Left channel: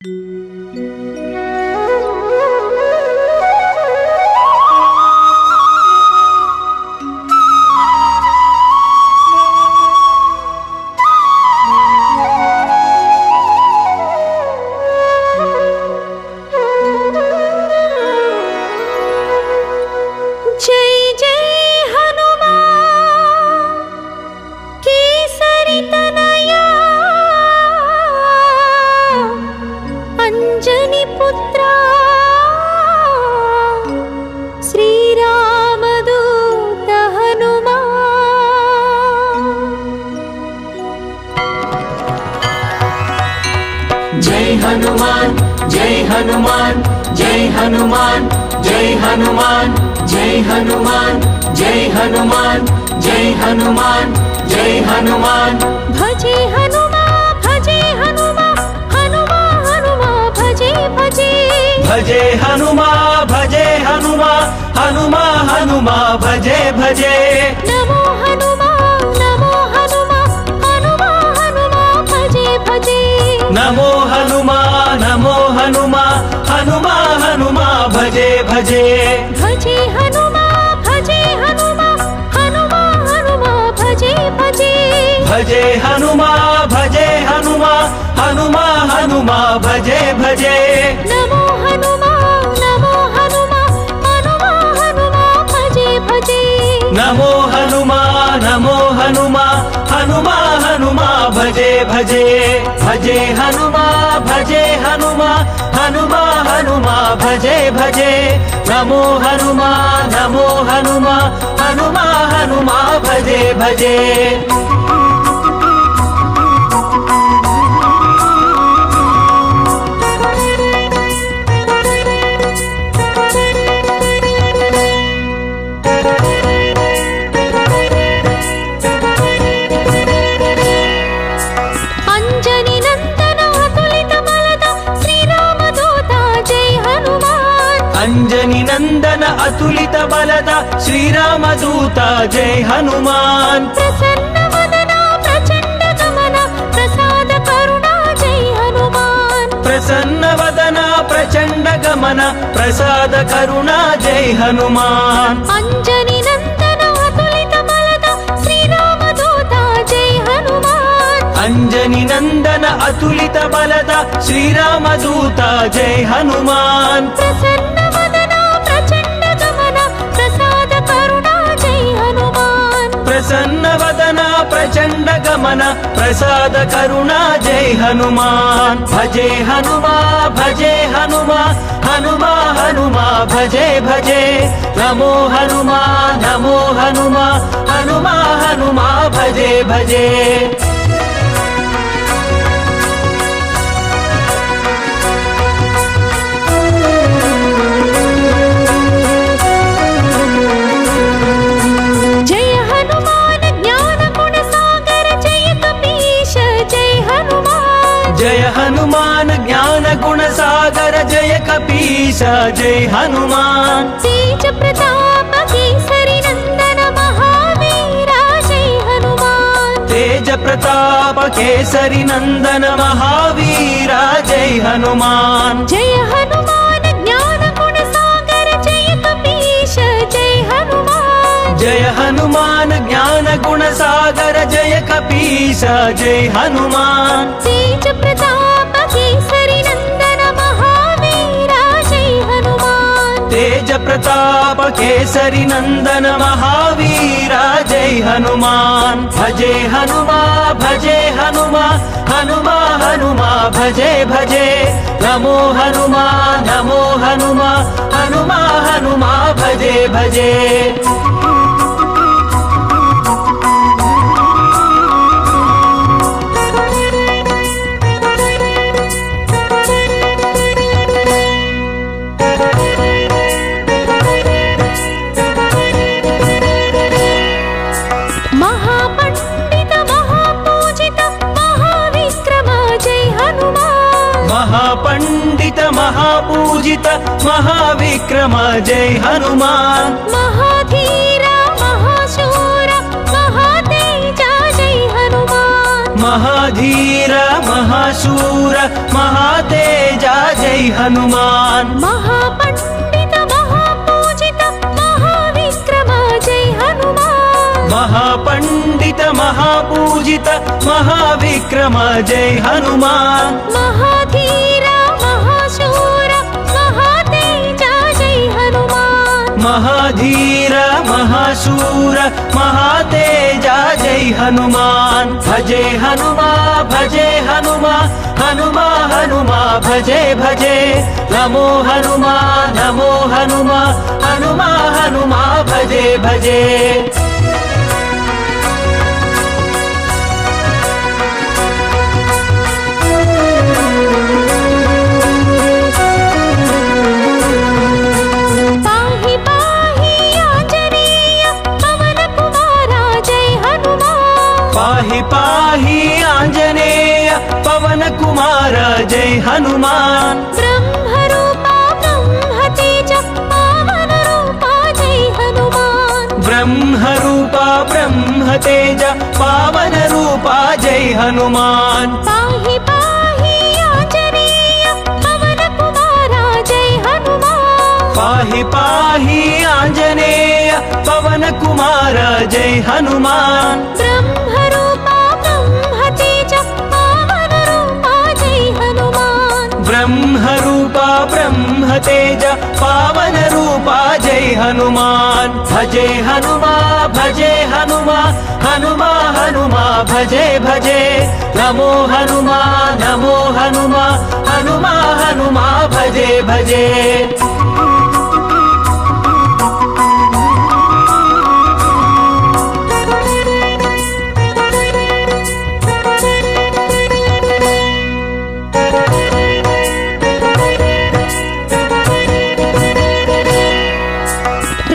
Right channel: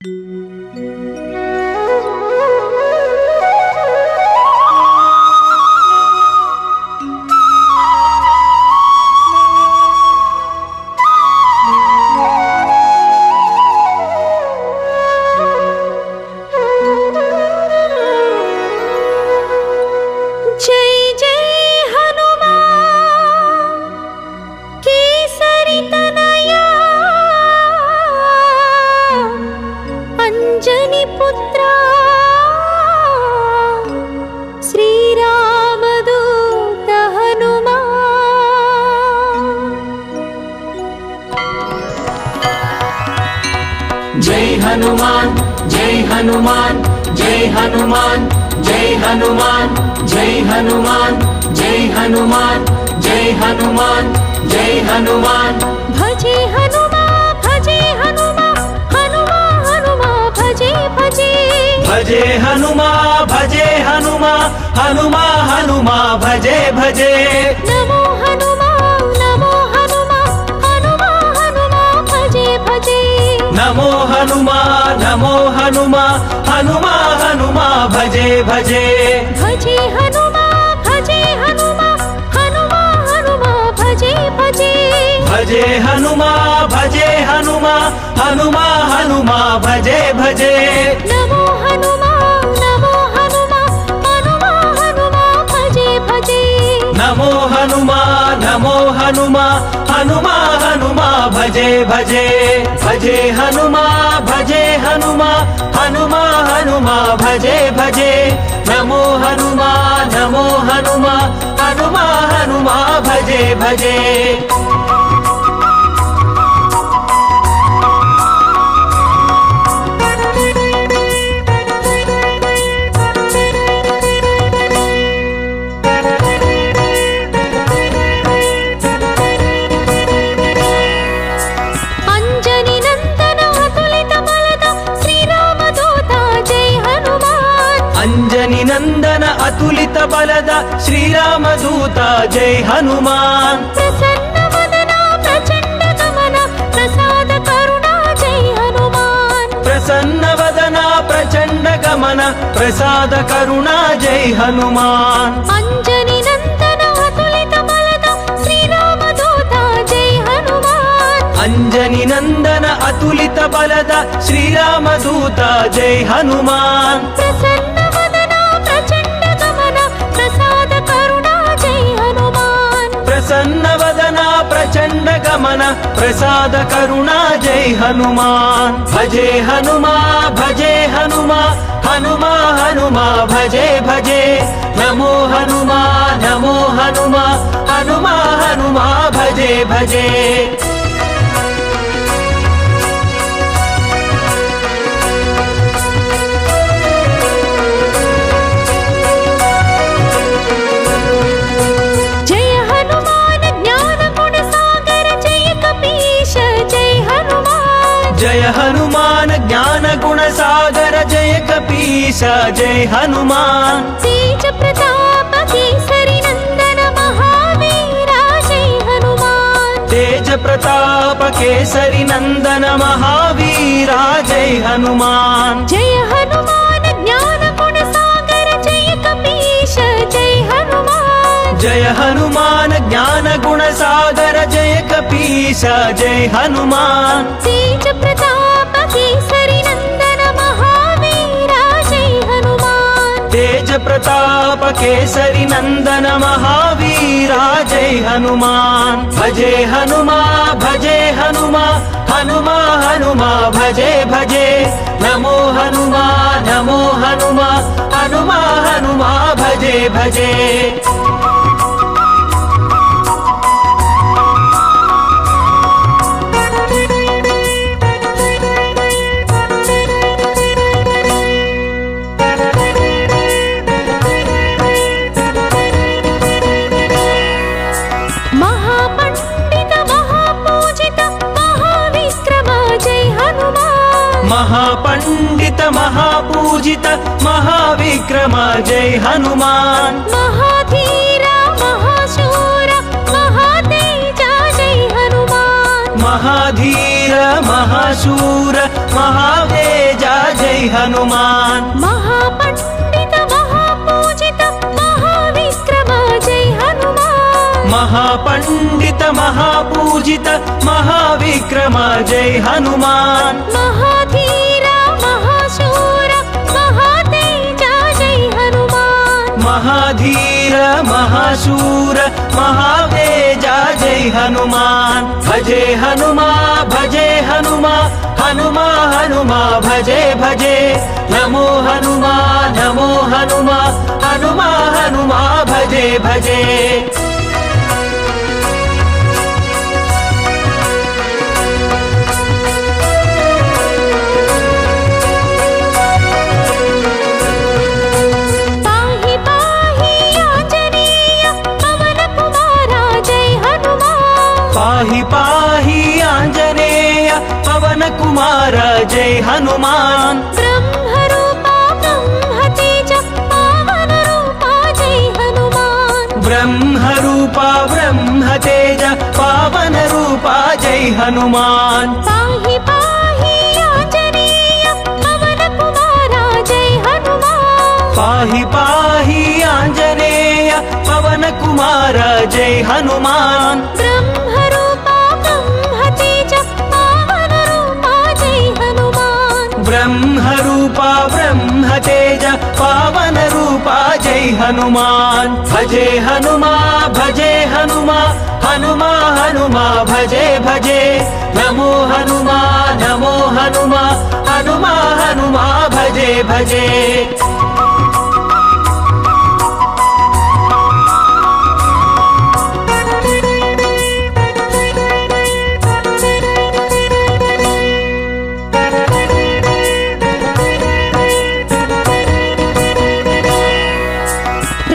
जय हनुमान जय हनुमान जय हनुमान जय हनुमान जय हनुमान जय हनुमान जय हनुमान जय हनुमान भजे हनुमान हनुमा हनुमा भजे भजे भजे हनुमान हनुमा हनुमा भजे भजे नमो हनुमान हनुमा हनुमा भजे भजे नमो हनुमान हनुमा हनुमा भजे भजे भजे हनुमान हनुमा हनुमा भजे भजे भजे हनुमान हनुमा हनुमा भजे भजे नमो हनुमान हनुमा हनुमा भजे भजे नमो हनुमान हनुमा हनुमा भजे भजे भजे हनुमान हनुमा हनुमा भजे भजे नमो हनुमान हनुमा हनुमा भजे भजे अंजनी नंदन अतुलित बलद श्रीराम दूता जय हनुमान प्रसन्न वदना प्रचंड गमना प्रसाद करुणा जय हनुमान प्रसन्न वदना प्रचंड गमन प्रसाद करुणा जय हनुमान अंजनी नंदन अतुलित बलद श्रीराम दूता जय हनुमान अंजनी नंदन अतुलित बलद श्रीराम दूता जय हनुमान प्रसन्न प्रसाद करुणा जय हनुमान प्रसन्न वदना प्रचंड गमन प्रसाद करुणा जय हनुमान भजे हनुमान हनुमा हनुमा भजे भजे नमो हनुमान हनुमा हनुमा भजे भजे जय हनुमान ज्ञान गुण सागर जय कपीश जय हनुमान तेज प्रताप केसरी नंदन महावीरा जय हनुमान तेज प्रताप केसरी नंदन महावीरा जय हनुमान जय हनुमान ज्ञान गुण सागर जय कपीश जय हनुमान जय हनुमान ज्ञान गुण सागर जय कपीश जय हनुमान तेज प्रताप केसरी नंदन महावीरा जय हनुमान तेज प्रताप केसरी नंदन महावीरा जय हनुमान भजे हनुमान हनुमा हनुमा भजे भजे नमो हनुमान हनुमा हनुमा भजे भजे महापंडित महापूजित महाविक्रम जय हनुमान महापंडित महापूजित महाविक्रम जय हनुमान महाधीर महाशूर महातेजा जय हनुमान महाधीर महाशूर महातेज हनुमान महापंडित महापूजित महाविक्रम जय हनुमान महापंडित महापूजित महाविक्रम जय हनुमान महाधीर महाशूर महातेज जय हनुमान महाधीर महाशूर महातेजा जय हनुमान भजे हनुमा भजे हनुमा हनुमा हनुमा भजे भजे नमो हनुमा नमो हनुमा हनुमा हनुमा भजे भजे पाहि पाहि आंजनेय पवन कुमारा जय हनुमान पाहि पाहि आंजनेय पवन कुमार जय हनुमान ब्रह्मरूपा ब्रह्मतेज पावन रूपा जय हनुमान ब्रह्मरूपा ब्रह्मतेज पावन रूपा जय हनुमान पाहि पाहि आंजनेय पवन कुमारा जय हनुमान पाहि पाहि आंजनेय पवन कुमार जय हनुमान ब्रह्मरूपा ब्रह्मतेज पावन रूपा जय हनुमान ब्रह्मरूपा ब्रह्मतेज पावन रूपा जय हनुमान भजे हनुमा भजे हनुमा हनुमा हनुमा भजे भजे नमो हनुमा नमो हनुमा हनुमा हनुमा भजे भजे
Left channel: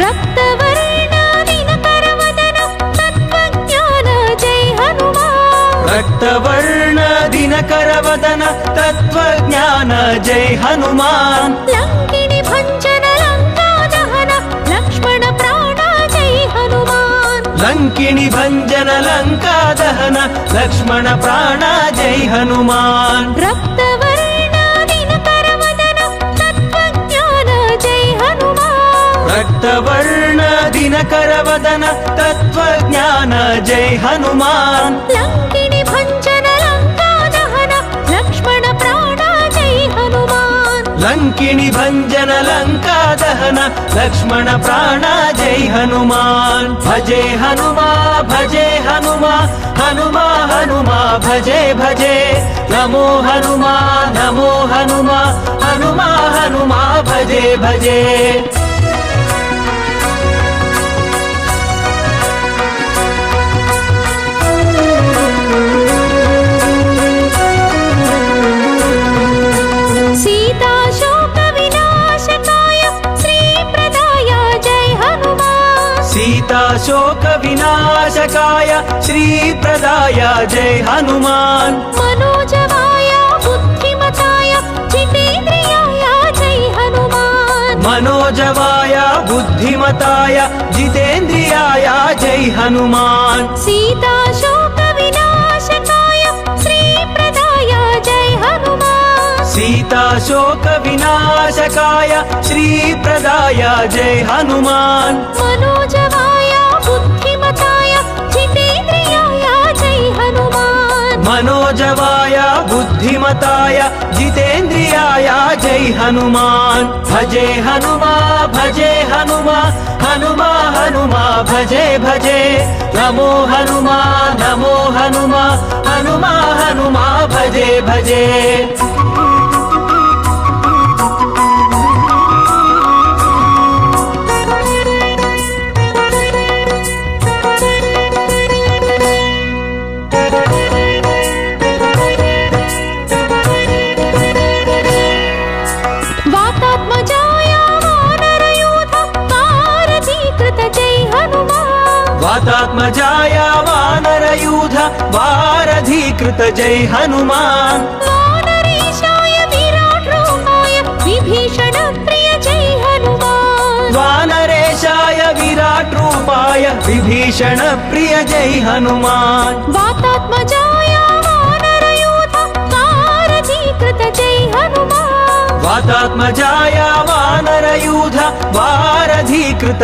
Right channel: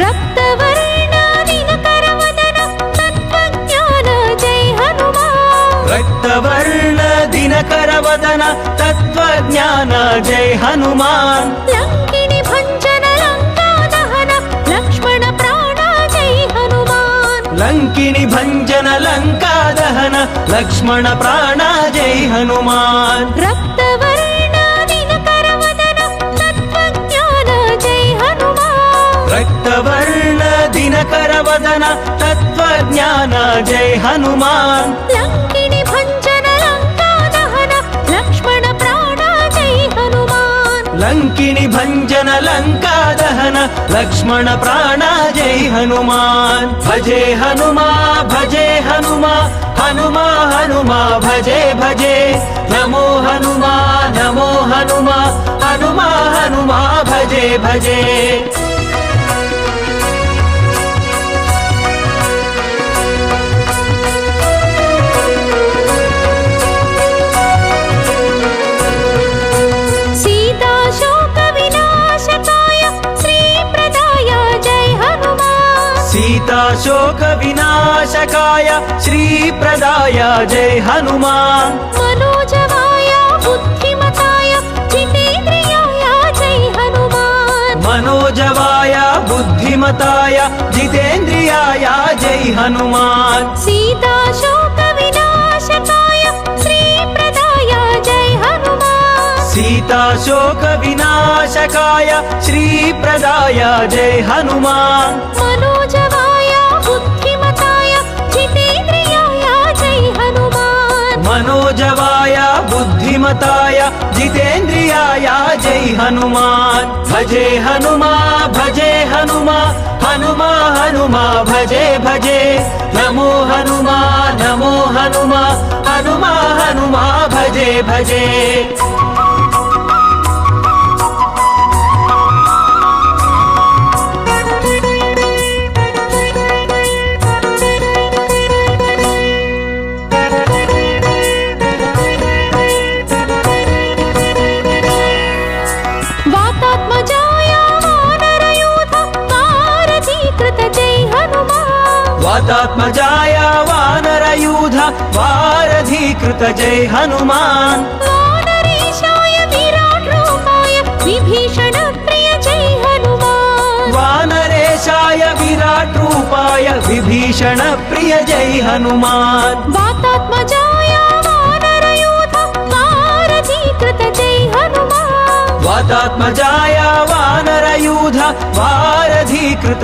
रक्तवर्ण दिनकरवदन तत्त्वज्ञान जय हनुमान रक्तवर्ण दिनकर वदन तत्त्वज्ञान जय हनुमान लंकिनी भंजन लंका दहन लक्ष्मण प्राण जय हनुमान लंकिनी भंजन लंका दहन लक्ष्मण प्राण जय हनुमान रक्तवर्ण दिनकरवदन तत्त्वज्ञान जय हनुमान रक्तवर्ण दिनकर वदन तत्त्वज्ञान जय हनुमान लंकिनी भंजन लंका दहन लक्ष्मण प्राण जय हनुमान लंकिनी भंजन लंका दहन लक्ष्मण प्राण जय हनुमान भजे हनुमा भजे हनुमा हनुमा हनुमा भजे भजे नमो हनुमा नमो हनुमा हनुमा हनुमा भजे भजे सीता शोक विनाशकाय श्री प्रदाय जय हनुमान सीता शोक विनाशकाय श्री प्रदाय जय हनुमान मनोजवाय बुद्धिमताय जितेन्द्रियाय जय हनुमान मनोजवाय बुद्धिमताय जितेन्द्रियाय जय हनुमान सीता शोक विनाशकाय श्री प्रदाय जय हनुमान सीता शोक विनाशकाय श्री प्रदाय जय हनुमान मनोजवाय बुद्धिमताय जितेन्द्रियाय जय हनुमान मनोजवाय बुद्धिमताय जितेन्द्रियाय जय हनुमान भजे हनुमा भजे हनुमा हनुमा हनुमा भजे भजे नमो हनुमा नमो हनुमा हनुमा हनुमा भजे भजे वातात्मजाय वानरयूथ वारधीकृत जय हनुमान वातात्मजाय वानरयूथ वारधीकृत जय हनुमान वानरेशाय विराट रूपाय विभीषण प्रिय जय हनुमान वानरेशाय विराट रूपाय विभीषण प्रिय जय हनुमान वातात्मजाय वानरयूथ वारधीकृत जय हनुमान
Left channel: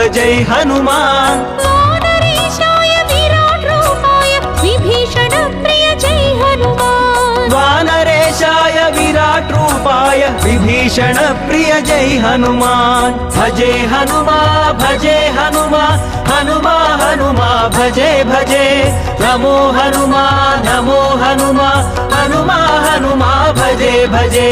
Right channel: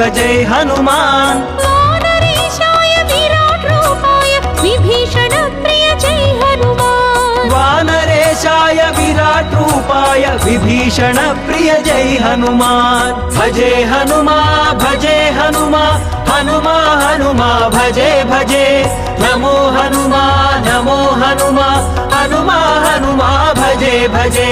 जय हनुमान वानरेशाय विराट रूपाय विभीषण प्रिय जय हनुमान वानरेशाय विराट रूपाय विभीषण प्रिय जय हनुमान भजे हनुमा हनुमा हनुमा भजे भजे नमो हनुमा हनुमा हनुमा भजे भजे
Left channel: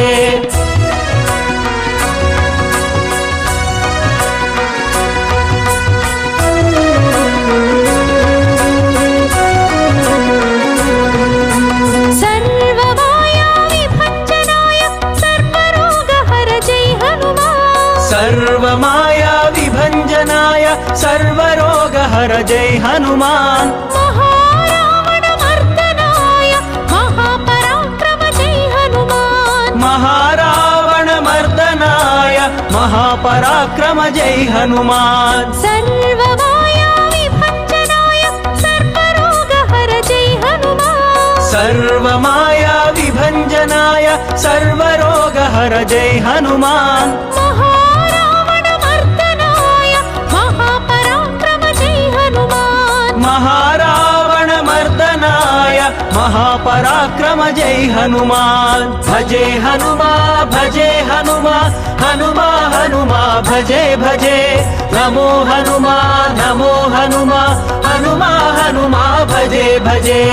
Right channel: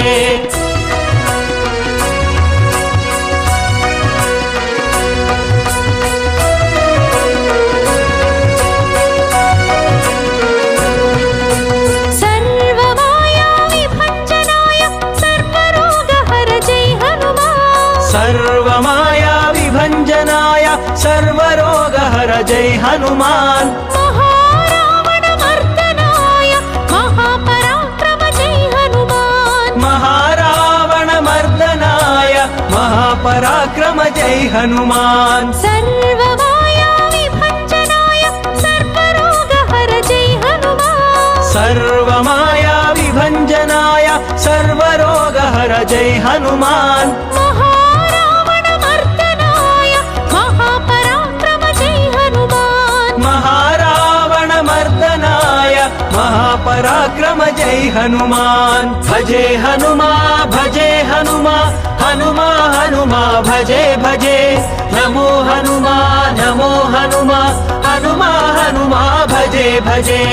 जय हनुमान महारावण मर्दनाय महापराक्रम जय हनुमान महारावण मर्दनाय महापराक्रम जय हनुमान सर्वमाया विभञ्जनाय सर्वरोगहर जय हनुमान सर्वमाया विभञ्जनाय सर्वरोगहर जय हनुमान महारावण मर्दनाय महापराक्रम जय हनुमान महारावण मर्दनाय महापराक्रम जय हनुमान भजे हनुमा हनुमा भजे भजे नमो हनुमा हनुमा भजे भजे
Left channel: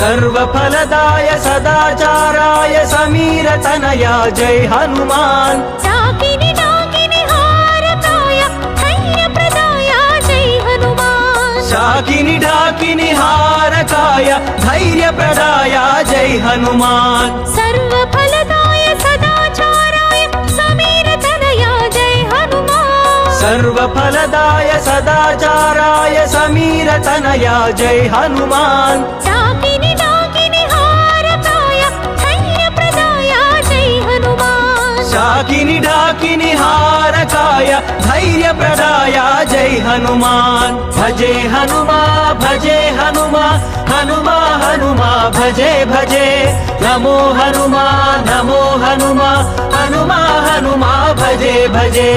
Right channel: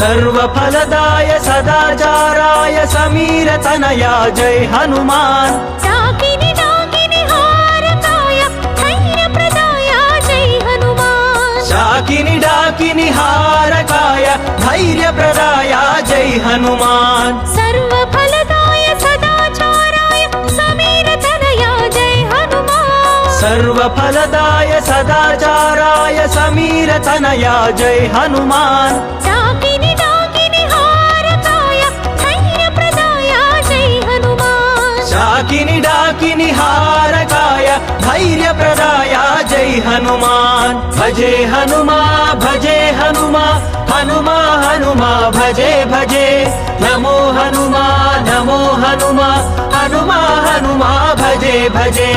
सर्वफलदाय सदाचाराय समीर तनया जय हनुमान डाकिनी डाकिनी हारकाय धैर्य प्रदाय जय हनुमान डाकिनी डाकिनी हारकाय धैर्य प्रदाय जय हनुमान सर्वफलदाय सदाचाराय समीर तनया जय हनुमान सर्वफलदाय सदाचाराय समीर तनया जय हनुमान डाकिनी डाकिनी हारकाय धैर्य प्रदाय जय हनुमान डाकिनी डाकिनी हारकाय धैर्य प्रदाय जय हनुमान भजे हनुमा हनुमा भजे भजे नमो हनुमा हनुमा भजे भजे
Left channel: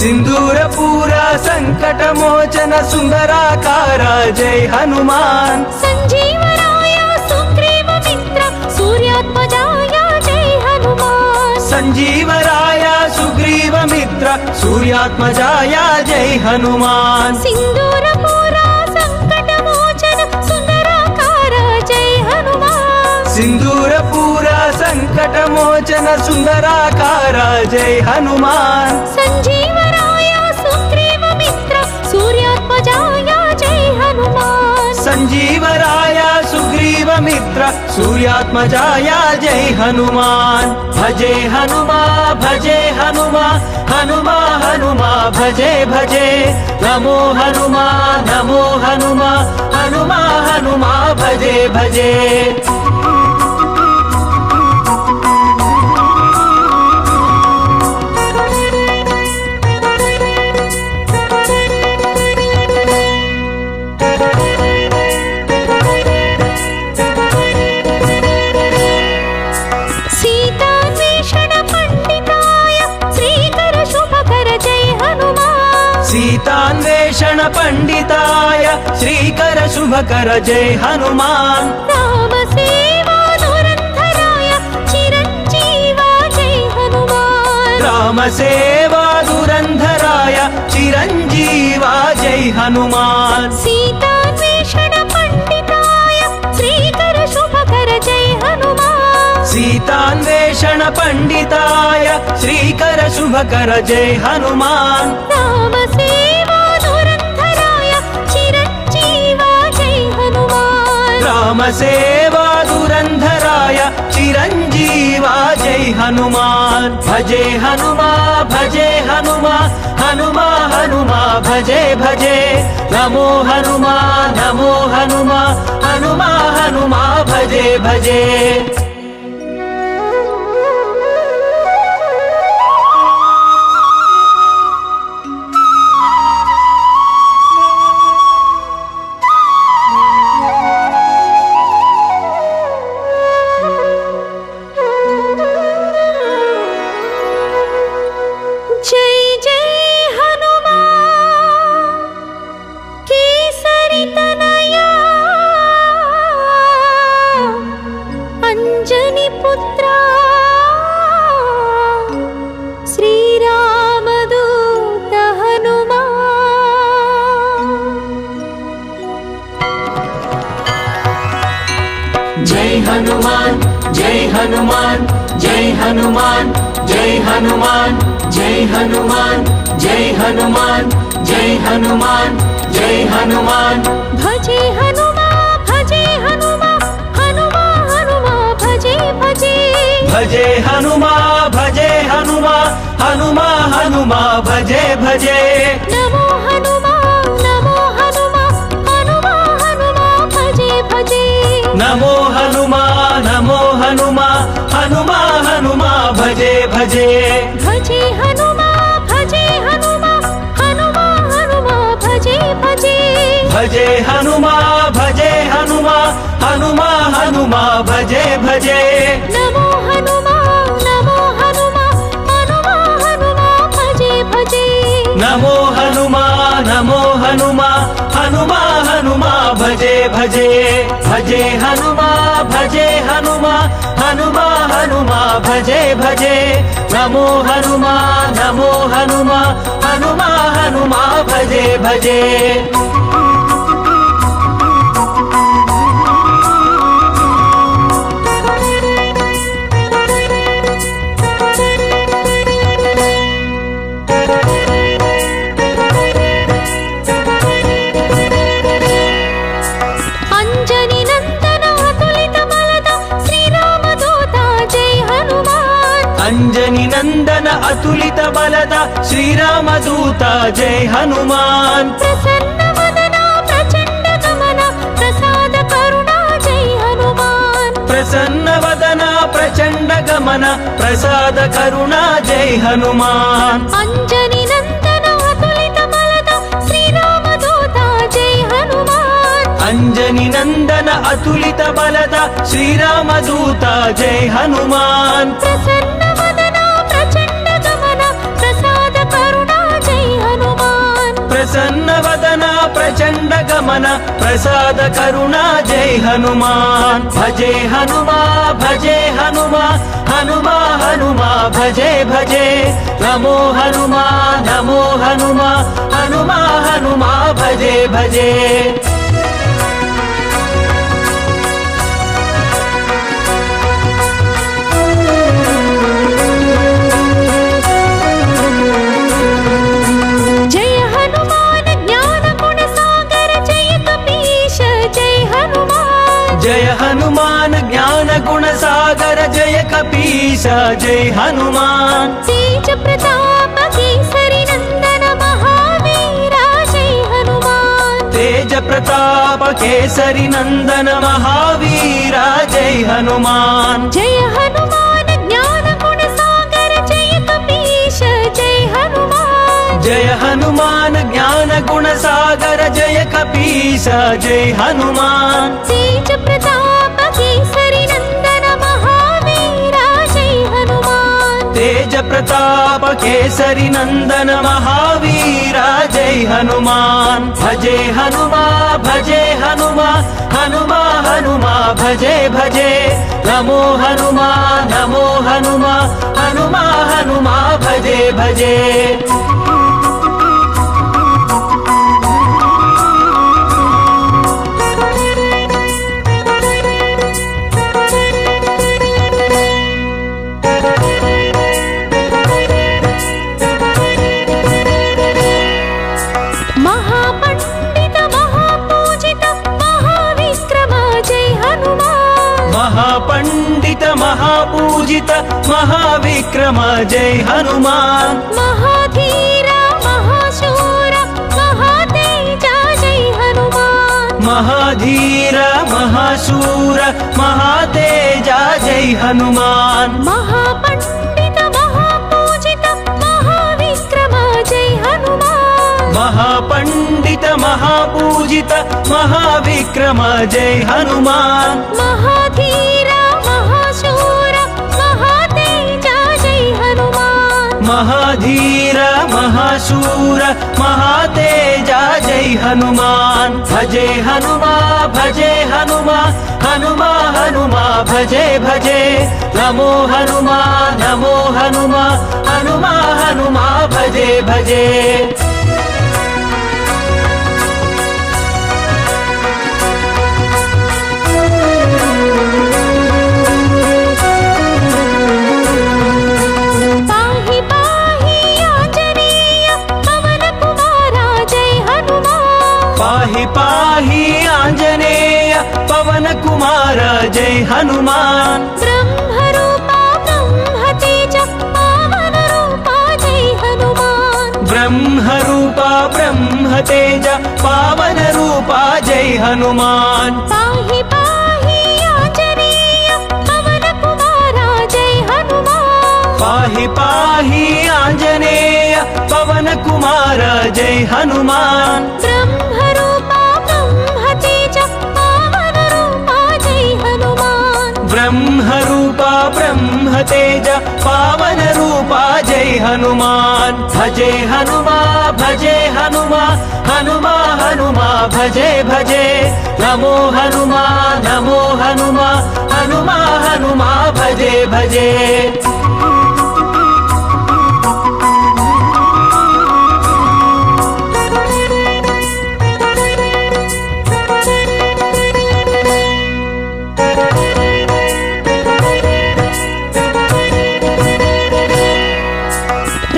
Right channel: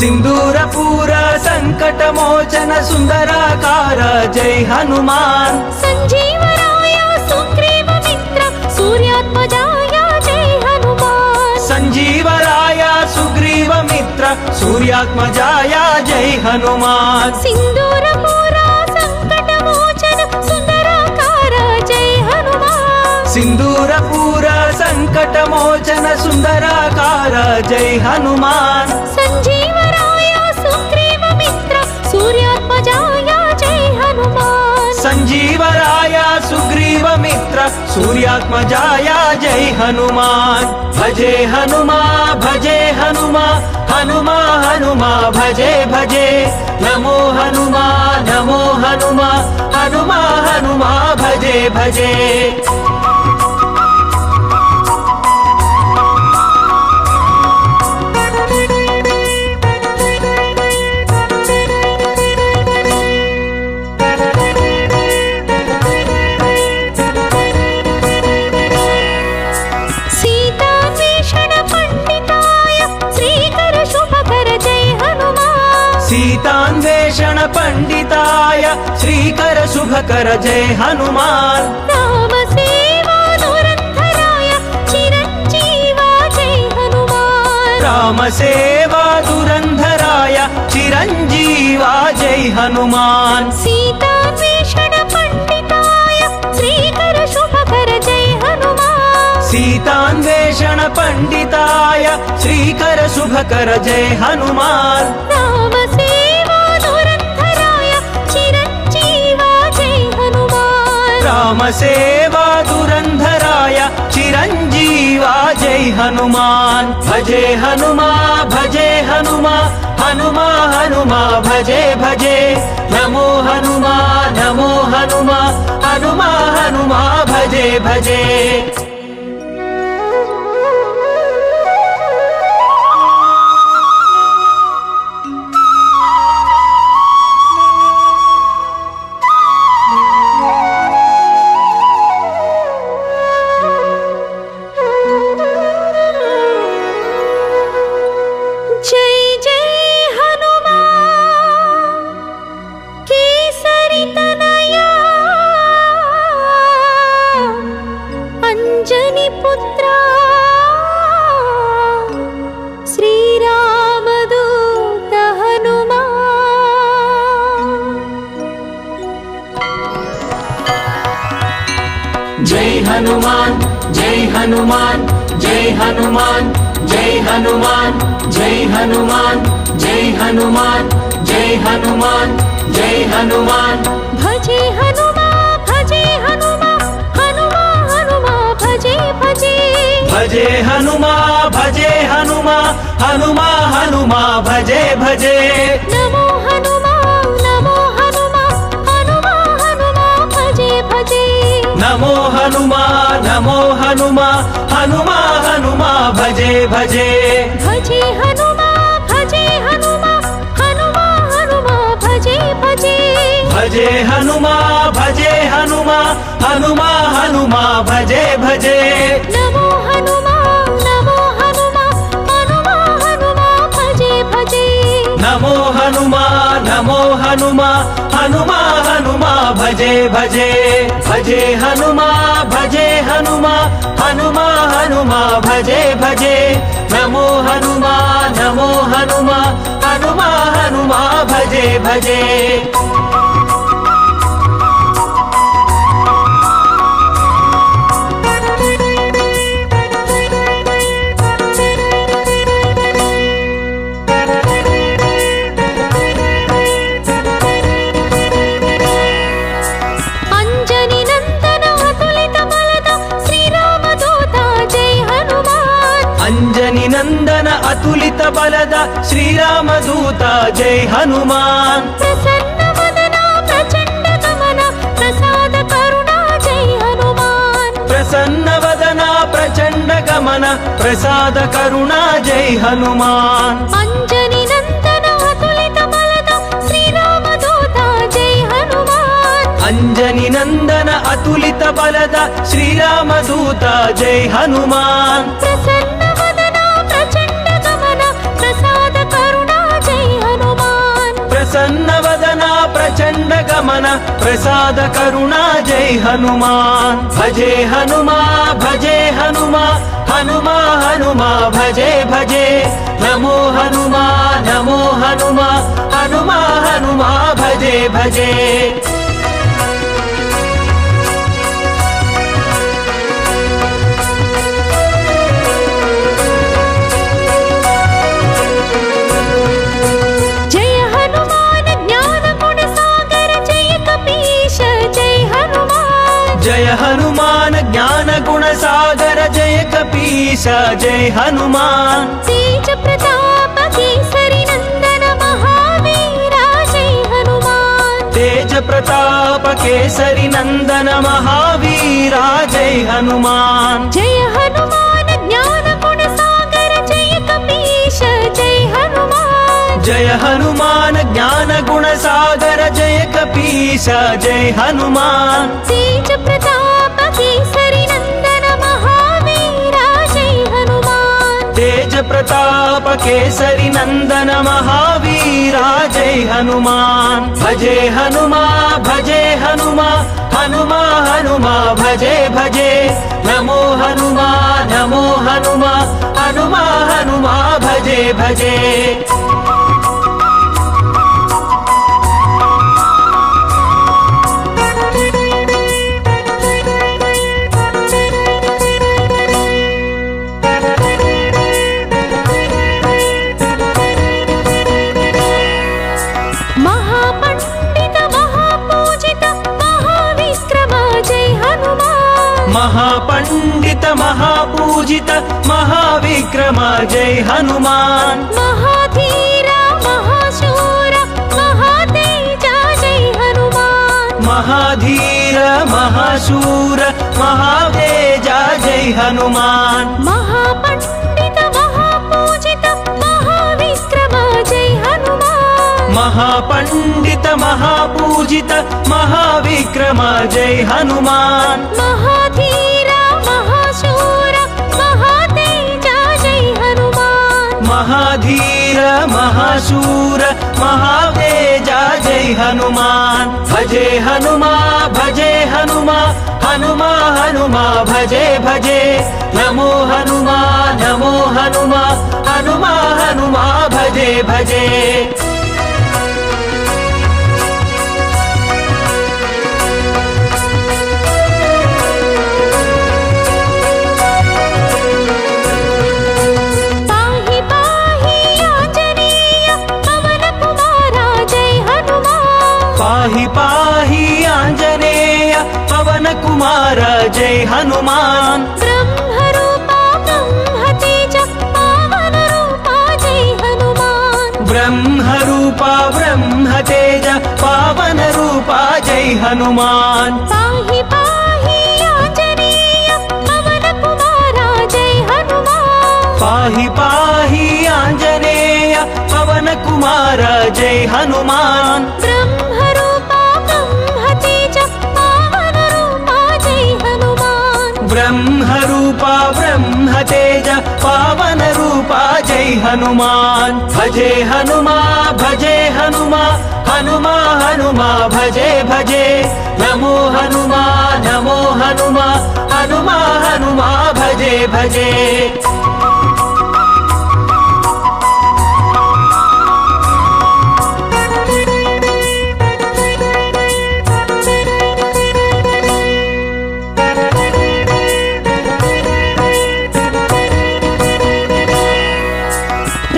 सिंदूरपूर संकटमोचन सुंदराकार जय हनुमान संजीवराय सुग्रीव मित्र सूर्यात्मजाय जय हनुमान संजीवराय सुग्रीव मित्र सूर्यात्मजाय जय हनुमान सिंदूरपूर संकटमोचन सुंदराकार जय हनुमान सिंदूरपूर संकटमोचन सुंदराकार जय हनुमान संजीवराय सुग्रीव मित्र सूर्यात्मजाय जय हनुमान संजीवराय सुग्रीव मित्र सूर्यात्मजाय जय हनुमान भजे हनुमा हनुमा भजे भजे नमो हनुमा हनुमा भजे भजे सीतान्वेषण पंडिताय श्रीकर शुभकर जय हनुमान राम सेवा धुरंधराय चिरंजीवा जय हनुमान राम सेवा धुरंधराय चिरंजीवा जय हनुमान सीतान्वेषण पंडिताय श्रीकर शुभकर जय हनुमान सीतान्वेषण पंडिताय श्रीकर शुभकर जय हनुमान राम सेवा धुरंधराय चिरंजीवा जय हनुमान रामसेवा धुरन्धराय चिरञ्जीवा जय हनुमान् भजे हनुमा भजे हनुमा हनुमा हनुमा भजे भजे नमो हनुमा नमो हनुमा हनुमा हनुमा भजे भजे जय हनुमान जय हनुमान जय हनुमान जय हनुमान जय हनुमान जय हनुमान जय हनुमान जय हनुमान भजे हनुमा भजे हनुमा हनुमा हनुमा भजे भजे भजे हनुमा भजे हनुमा हनुमा हनुमा भजे भजे नमो हनुमा नमो हनुमा हनुमा हनुमा भजे भजे नमो हनुमा नमो हनुमा हनुमा हनुमा भजे भजे भजे हनुमा भजे हनुमा हनुमा हनुमा भजे भजे भजे हनुमा भजे हनुमा हनुमा हनुमा भजे भजे नमो हनुमा नमो हनुमा हनुमा हनुमा भजे भजे नमो हनुमा नमो हनुमा हनुमा हनुमा भजे भजे भजे हनुमा भजे हनुमा हनुमा हनुमा भजे भजे नमो हनुमा नमो हनुमा हनुमा हनुमा भजे भजे अंजनी नंदन अतुलित बलद श्रीरामदूत जय हनुमान प्रसन्न वदना प्रचंड गमन प्रसाद करुणा जय हनुमान प्रसन्न वदना प्रचंड गमन प्रसाद करुणा जय हनुमान अंजनी नंदन अतुलित बलद श्रीरामदूत जय हनुमान अंजनी नंदन अतुलित बलद श्रीरामदूत जय हनुमान प्रसन्न वदना प्रचंड गमन प्रसाद करुणा जय हनुमान प्रसन्न वदना प्रचंड गमन प्रसाद करुणा जय हनुमान भजे हनुमा भजे हनुमा हनुमा हनुमा भजे भजे नमो हनुमा नमो हनुमा हनुमा हनुमा भजे भजे जय हनुमान ज्ञान गुण सागर जय कपीश जय हनुमान तेज प्रताप केसरी नंदन महावीरा जय हनुमान तेज प्रताप केसरी नंदन महावीरा जय हनुमान जय हनुमान ज्ञान गुण सागर जय कपीश जय हनुमान जय हनुमान ज्ञान गुण सागर जय कपीश जय हनुमान तेज प्रताप केसरी नंदन महावीरा जय हनुमान तेज प्रताप केसरी नंदन महावीरा जय हनुमान भजे हनुमा भजे हनुमा हनुमा हनुमा भजे भजे नमो हनुमा नमो हनुमा हनुमा हनुमा भजे भजे महापंडित महापूजित महाविक्रम जय महाविक्रम जय हनुमान महाधीर महाशूर महातेज जय हनुमान महाधीर महाशूर महातेज जय हनुमान महापंडित महापूजित महाविक्रम जय हनुमान महापंडित महापूजित महाविक्रम जय हनुमान महाधीर महाशूर महातेज जय हनुमान महाधीर महाशूर महातेज जय हनुमान भजे हनुमा हनुमा हनुमा भजे भजे नमो हनुमा हनुमा हनुमा भजे भजे पाहि पाहि आंजनेय पवन कुमारा जय हनुमान पाहि पाहि आंजनेय पवन कुमार जय हनुमान ब्रह्मरूपा ब्रह्मतेज पावन रूपा जय हनुमान ब्रह्मरूपा ब्रह्मतेज पावन रूपा जय हनुमान पाहि पाहि आंजनेय पवन कुमारा जय हनुमान पाहि पाहि आंजनेय पवन कुमार जय हनुमान ब्रह्मरूपा ब्रह्मतेज पावन रूपा जय हनुमान ब्रह्मरूपा ब्रह्मतेज पावन रूपा जय हनुमान भजे हनुमा हनुमा हनुमा भजे भजे नमो हनुमा हनुमा हनुमा भजे भजे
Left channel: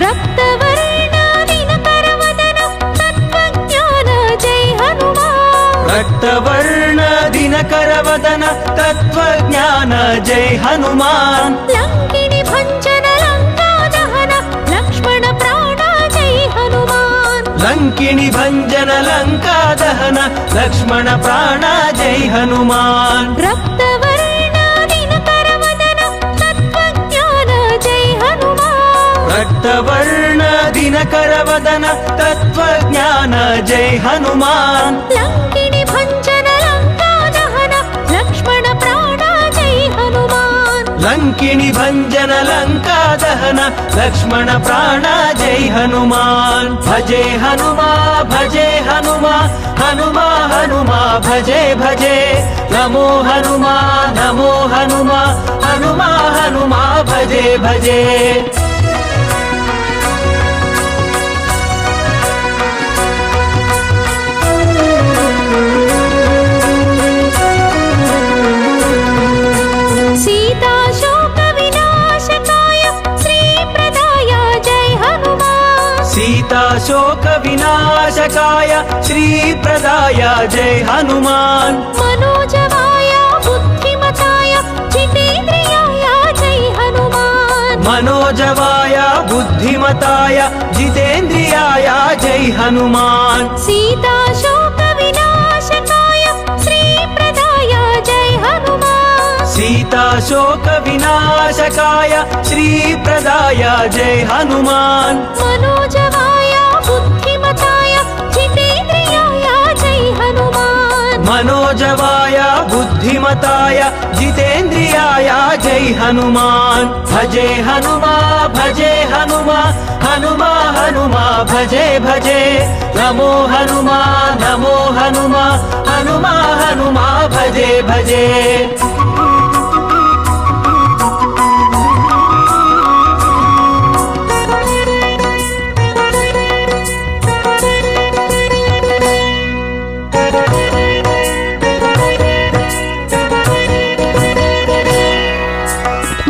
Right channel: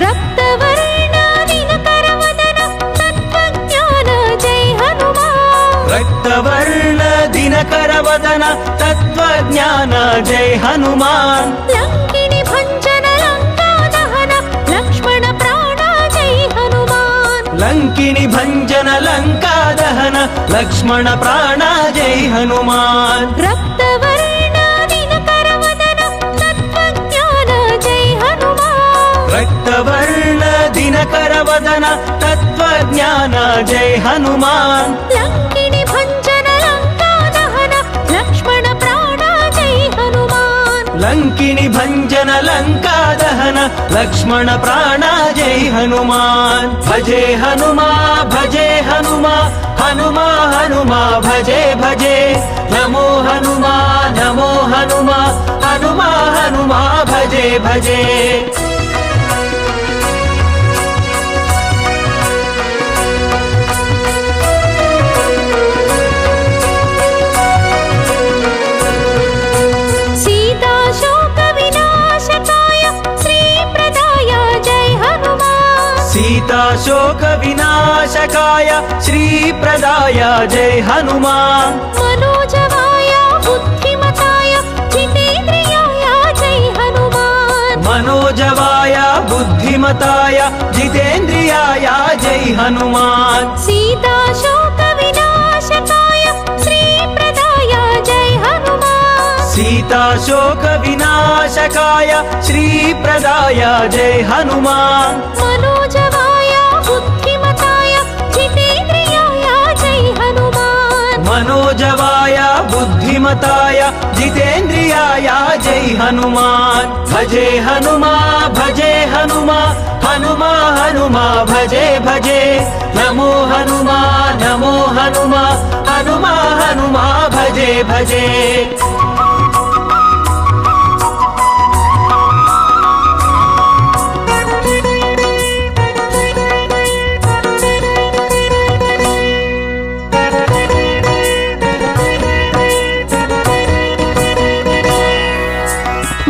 रक्तवर्ण दिनकरवदन तत्त्वज्ञान जय हनुमान रक्तवर्ण दिनकरवदन तत्त्वज्ञान जय हनुमान लंकिनी भंजन लंका दहन लक्ष्मण प्राण जय हनुमान लंकिनी भंजन लंका दहन लक्ष्मण प्राण जय हनुमान रक्तवर्ण दिनकरवदन तत्त्वज्ञान जय हनुमान रक्तवर्ण दिनकरवदन तत्त्वज्ञान जय हनुमान लंकिनी भंजन लंका दहन लक्ष्मण प्राण जय हनुमान लंकिनी भंजन लंका दहन लक्ष्मण प्राण जय हनुमान भजे हनुमा हनुमा भजे भजे नमो हनुमा हनुमा भजे भजे सीता शोक विनाशकाय श्री प्रदाय जय हनुमान सीता शोक विनाशकाय श्री प्रदाय जय हनुमान मनोजवाय बुद्धिमताय जितेन्द्रियाय जय हनुमान मनोजवाय बुद्धिमताय जितेन्द्रियाय जय हनुमान सीता शोक विनाशकाय श्री प्रदाय जय हनुमान सीता शोक विनाशकाय श्री प्रदाय जय हनुमान मनोजवाय बुद्धिमताय जितेन्द्रियाय जय हनुमान मनोजवाय बुद्धिमताय जितेन्द्रियाय जय हनुमान भजे हनुमा हनुमा भजे भजे नमो हनुमा हनुमा भजे भजे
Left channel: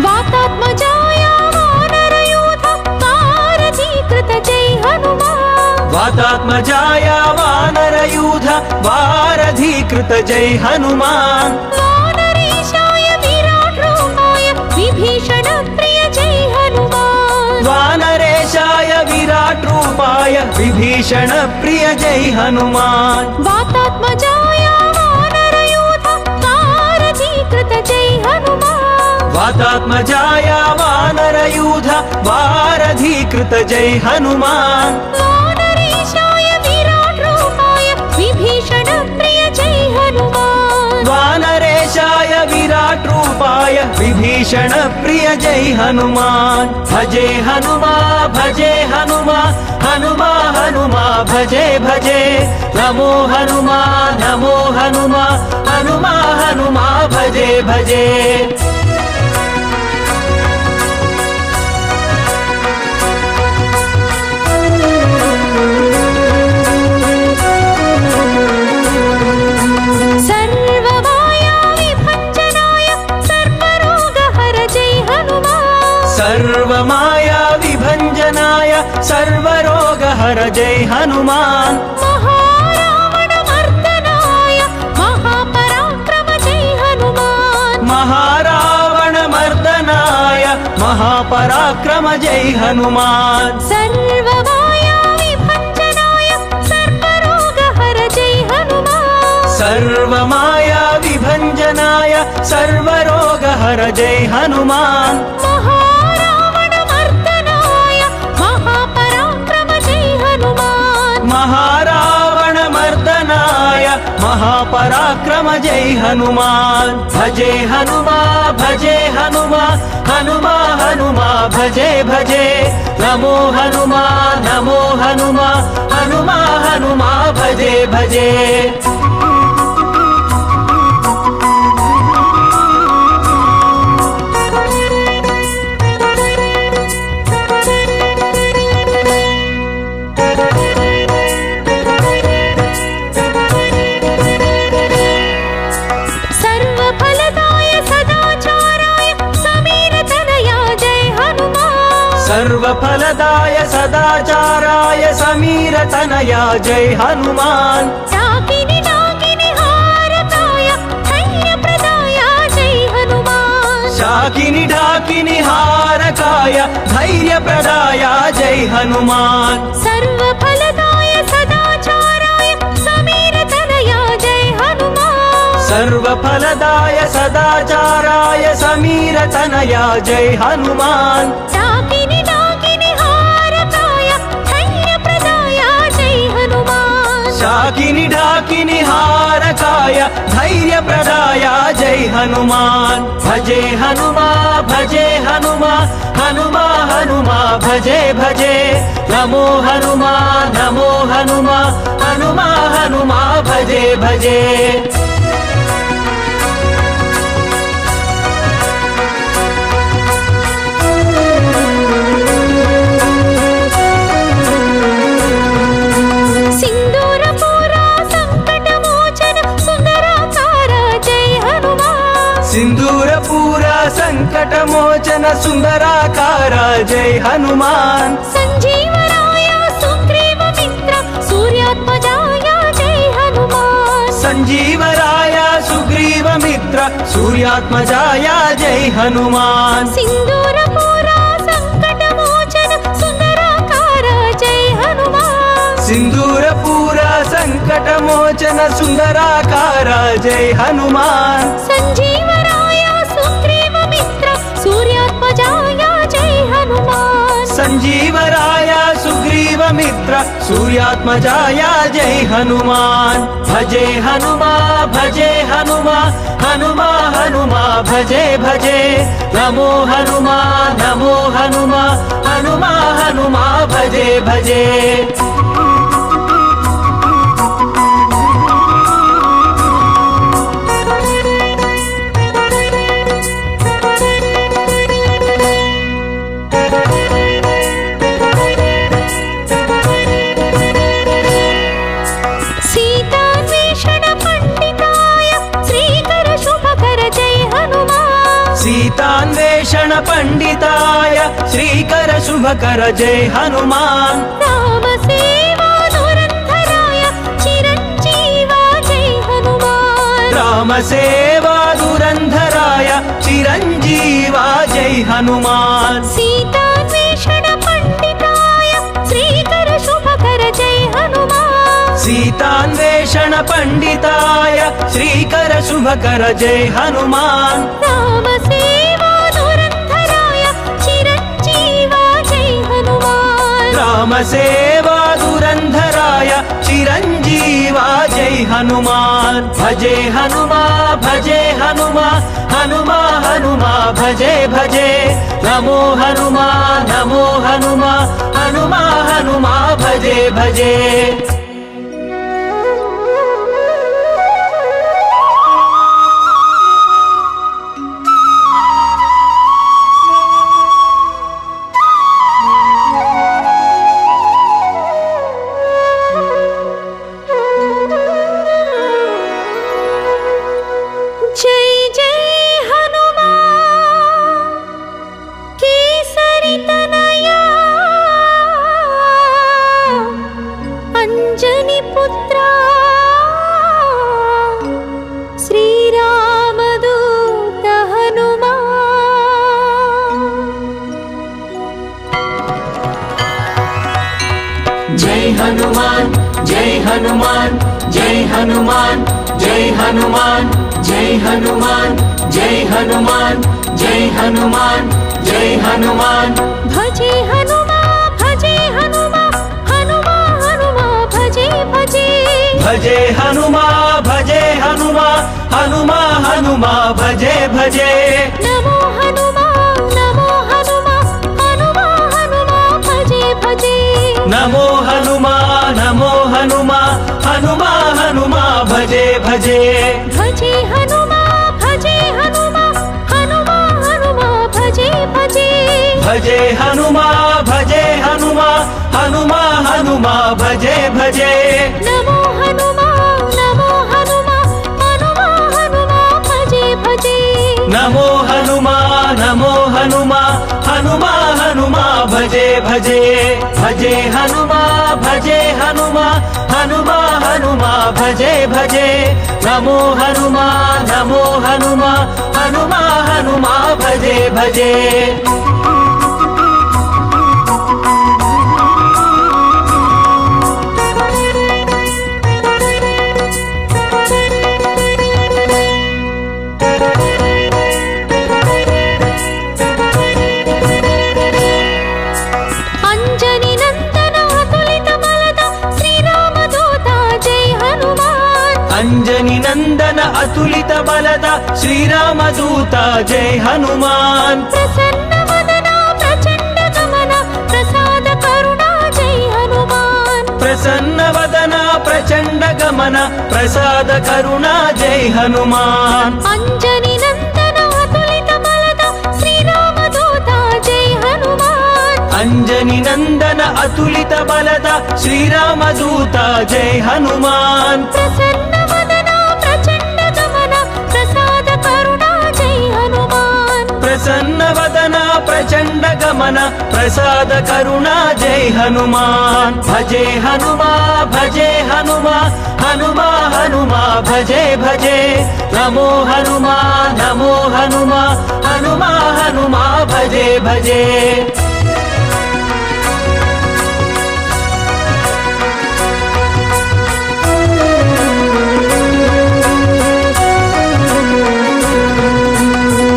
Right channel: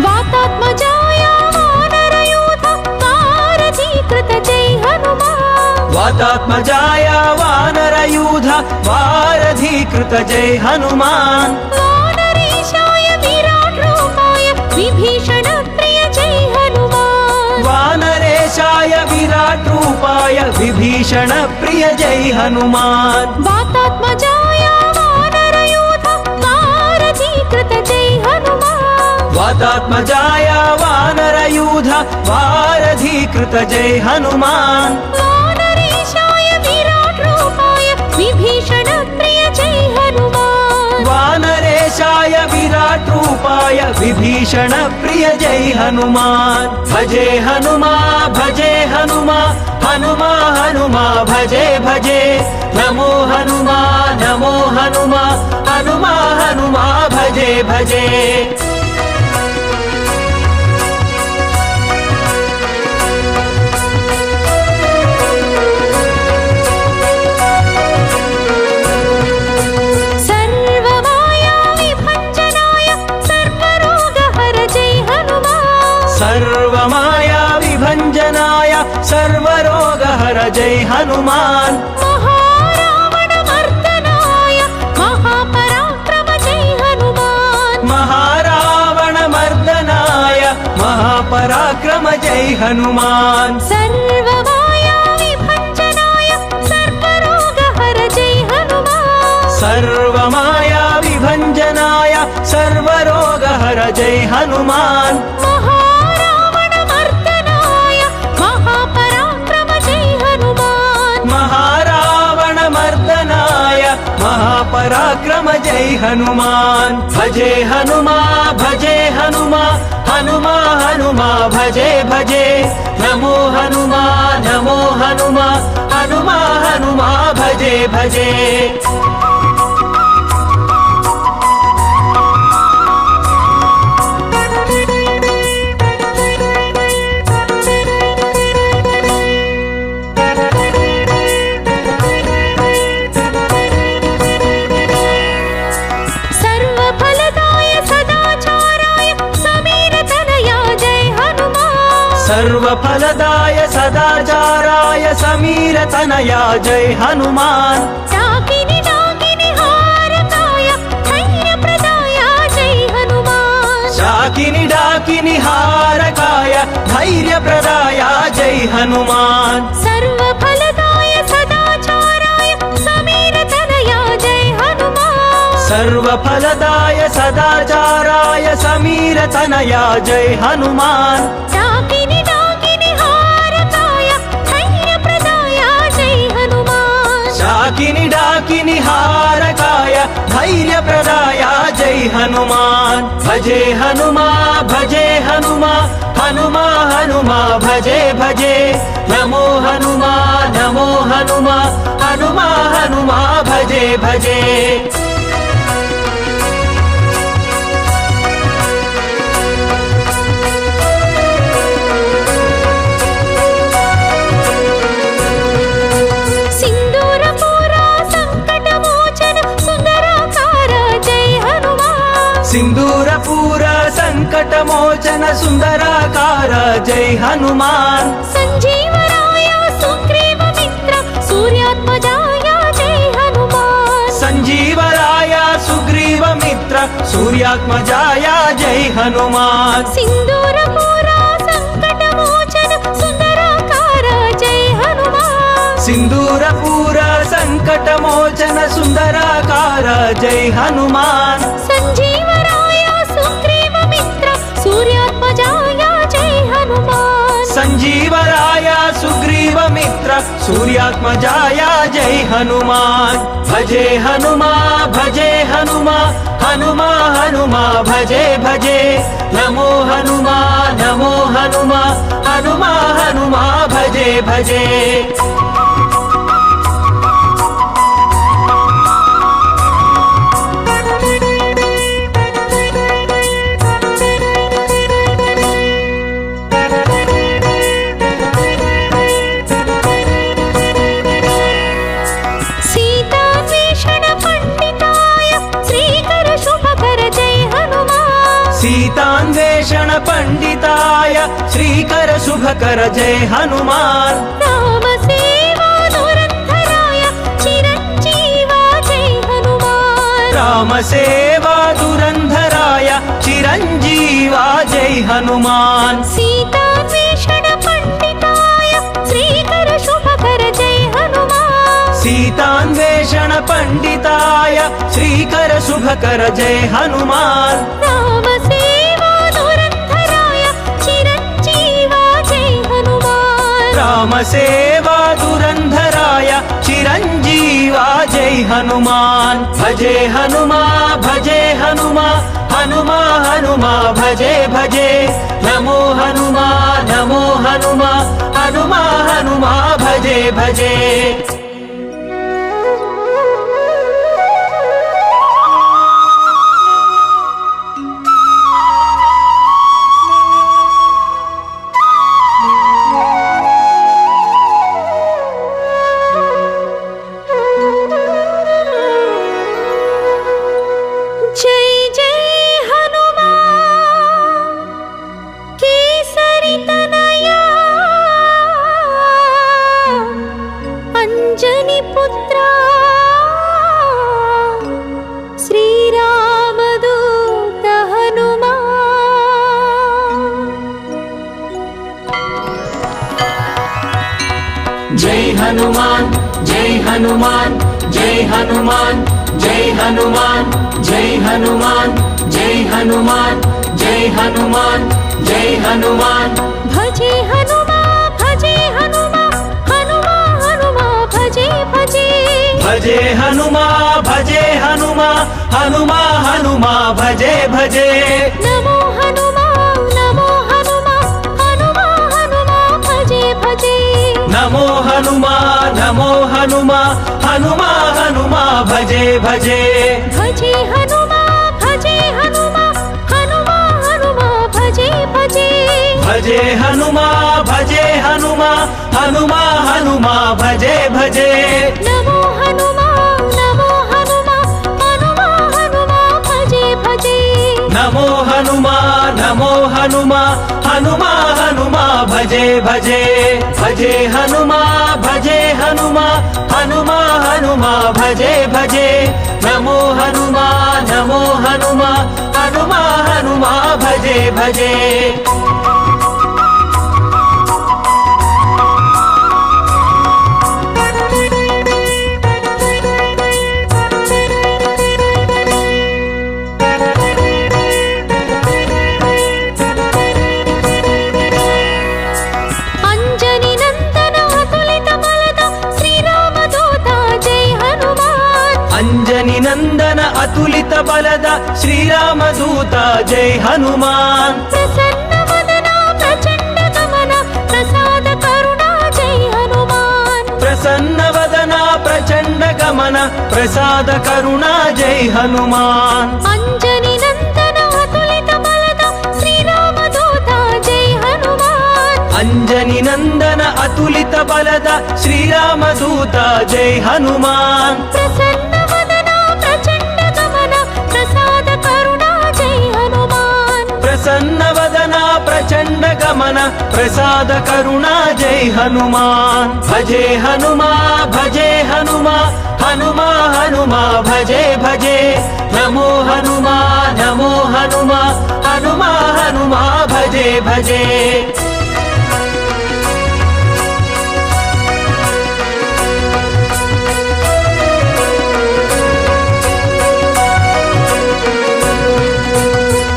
वातात्मजाय वानरयूथ वारधीकृत जय हनुमान वातात्मजाय वानरयूथ वारधीकृत जय हनुमान वानरेशाय विराट रूपाय विभीषण प्रिय जय हनुमान विभीषण प्रिय जय हनुमान वातात्मजाय वानरयूथ वारधीकृत जय हनुमान वातात्मजाय वानरयूथ वारधीकृत जय हनुमान वानरेशाय विराट रूपाय विभीषण प्रिय जय हनुमान वानरेशाय विराट रूपाय विभीषण प्रिय जय हनुमान भजे हनुमा भजे हनुमा हनुमा हनुमा भजे भजे नमो हनुमा नमो हनुमा हनुमा हनुमा भजे भजे जय हनुमान महारावण मर्दनाय महापराक्रम जय हनुमान महारावण मर्दनाय महापराक्रम जय हनुमान सर्वमाया विभञ्जनाय सर्वरोगहर जय हनुमान सर्वमाया विभञ्जनाय सर्वरोगहर जय हनुमान महारावण मर्दनाय महापराक्रम जय हनुमान महारावण मर्दनाय महापराक्रम जय हनुमान भजे हनुमा भजे हनुमा हनुमा हनुमा भजे भजे नमो हनुमा नमो हनुमा हनुमा हनुमा भजे भजे सर्वफलदाय सदाचाराय समीर तनया जय हनुमान डाकिनी डाकिनी हारकाय धैर्य प्रदाय जय हनुमान डाकिनी डाकिनी हारकाय धैर्य प्रदाय जय हनुमान सर्वफलदाय सदाचाराय समीर तनया जय हनुमान सर्वफलदाय सदाचाराय समीर तनया जय हनुमान डाकिनी डाकिनी हारकाय धैर्य प्रदाय जय हनुमान डाकिनी डाकिनी हारकाय धैर्य प्रदाय जय हनुमान भजे हनुमा भजे हनुमा हनुमा हनुमा भजे भजे नमो हनुमा नमो हनुमा हनुमा हनुमा भजे भजे सिंदूरपूर संकटमोचन सुंदराकार जय हनुमान संजीवराय सुग्रीव मित्र सूर्यात्मजाय जय हनुमान संजीवराय सुग्रीव मित्र सूर्यात्मजाय जय हनुमान सिंदूरपूर संकटमोचन सुंदराकार जय हनुमान सिंदूरपूर संकटमोचन सुंदराकार जय हनुमान संजीवराय सुग्रीव मित्र सूर्यात्मजाय जय हनुमान संजीवराय सुग्रीव मित्र सूर्यात्मजाय जय हनुमान भजे हनुमा भजे हनुमा हनुमा हनुमा भजे भजे नमो हनुमा नमो हनुमा हनुमा हनुमा भजे भजे सीतान्वेषण पंडिताय श्रीकर शुभकर जय हनुमान राम सेवा धुरंधराय चिरंजीवा जय हनुमान राम सेवा धुरंधराय चिरंजीवा जय हनुमान सीतान्वेषण पंडिताय श्रीकर शुभकर जय हनुमान कर जय हनुमान। राम सेवा धुरंधराय चिरंजीवा जय हनुमान। राम सेवा धुरंधराय चिरंजीवा जय हनुमान। भजे हनुमा भजे हनुमा हनुमा हनुमा भजे भजे। नमो हनुमा नमो हनुमा हनुमा हनुमा भजे भजे। जय जय हनुमान केसरी तनया अंजनी पुत्रा श्रीरामदूत हनुमान। जय हनुमान जय हनुमान जय हनुमान जय हनुमान जय हनुमान जय हनुमान जय हनुमान जय हनुमान। भजे हनुमा भजे हनुमा हनुमा हनुमा भजे भजे। भजे हनुमा भजे हनुमा हनुमा हनुमा भजे भजे। नमो हनुमा नमो हनुमा हनुमा हनुमा भजे भजे। नमो हनुमा नमो हनुमा हनुमा हनुमा भजे भजे। भजे हनुमा भजे हनुमा हनुमा हनुमा भजे भजे। भजे हनुमा भजे हनुमा हनुमा हनुमा भजे भजे। नमो हनुमा नमो हनुमा हनुमा हनुमा भजे भजे। नमो हनुमा नमो हनुमा हनुमा हनुमा भजे भजे। भजे हनुमा भजे हनुमा हनुमा हनुमा भजे भजे। नमो हनुमा नमो हनुमा हनुमा हनुमा भजे भजे। अंजनी नंदन अतुलित बलद श्रीरामदूत जय हनुमान। अंजनी नंदन अतुलित बलद श्रीरामदूत जय हनुमान। प्रसन्न वदना प्रचंड गमन प्रसाद करुणा जय हनुमान। प्रसन्न वदना प्रचंड गमन प्रसाद करुणा जय हनुमान। अंजनी नंदन अतुलित बलद श्रीरामदूत जय हनुमान। अंजनी नंदन अतुलित बलद श्रीरामदूत जय हनुमान। प्रसन्न वदना प्रचंड गमन प्रसाद करुणा जय हनुमान। प्रसन्न वदना प्रचंड गमन प्रसाद करुणा जय हनुमान। भजे हनुमा भजे हनुमा हनुमा हनुमा भजे भजे। नमो हनुमा नमो हनुमा हनुमा हनुमा भजे भजे।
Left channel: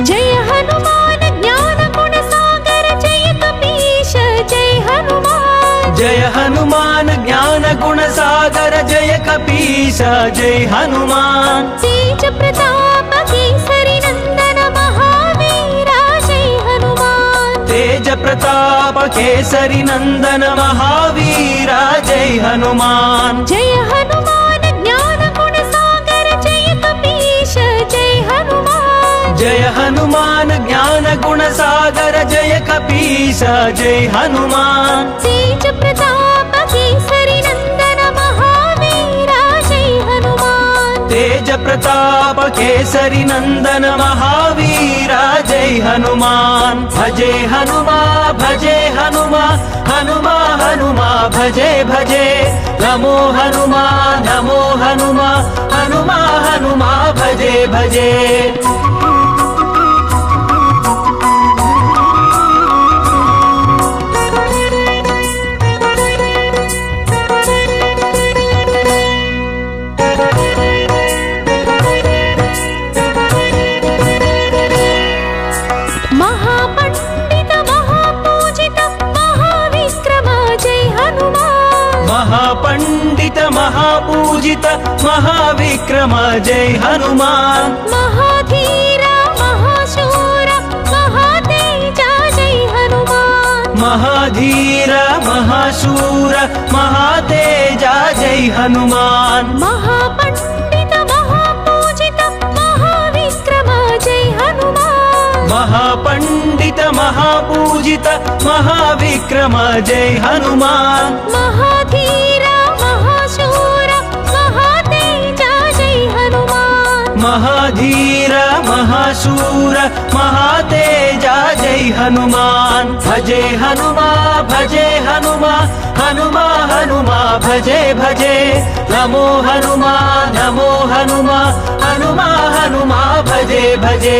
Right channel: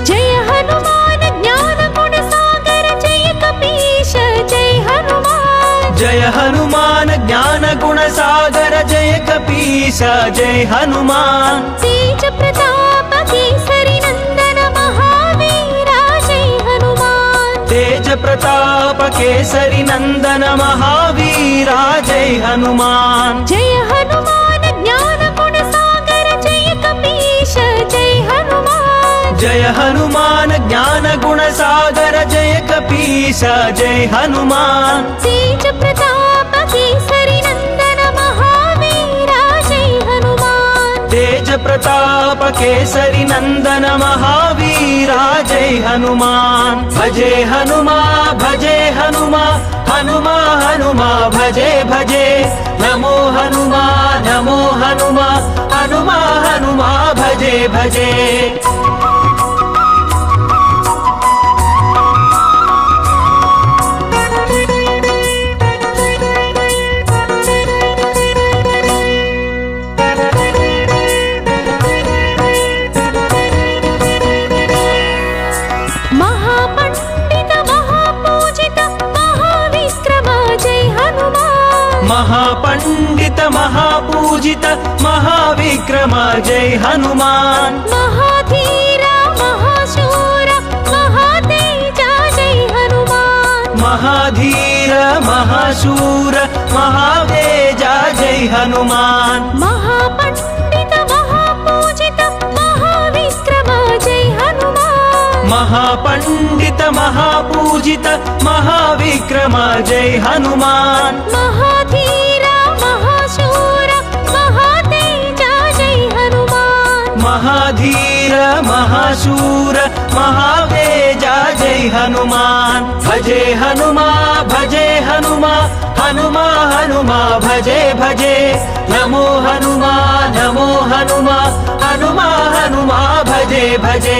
जय हनुमान ज्ञान गुण सागर जय कपीश जय हनुमान। जय हनुमान ज्ञान गुण सागर जय कपीश जय हनुमान। तेज प्रताप केसरी नंदन महावीरा जय हनुमान। तेज प्रताप केसरी नंदन महावीरा जय हनुमान। जय हनुमान ज्ञान गुण सागर जय कपीश जय हनुमान। जय हनुमान ज्ञान गुण सागर जय कपीश जय हनुमान। तेज प्रताप केसरी नंदन महावीरा जय हनुमान। तेज प्रताप केसरी नंदन महावीरा जय हनुमान। भजे हनुमा भजे हनुमा हनुमा हनुमा भजे भजे। नमो हनुमा नमो हनुमा हनुमा हनुमा भजे भजे। पूजित महाविक्रम जय हनुमान महाधीर महाशूर महातेज जय हनुमान महाधीर महाशूर महातेज जय हनुमान महापंडित महापूजित महाविक्रम जय हनुमान महापंडित महापूजित महाविक्रम जय हनुमान महाधीर महाशूर महातेज जय हनुमान महाधीर महाशूर महातेज जय हनुमान भजे हनुमा हनुमा हनुमा भजे भजे नमो हनुमा हनुमा हनुमा भजे भजे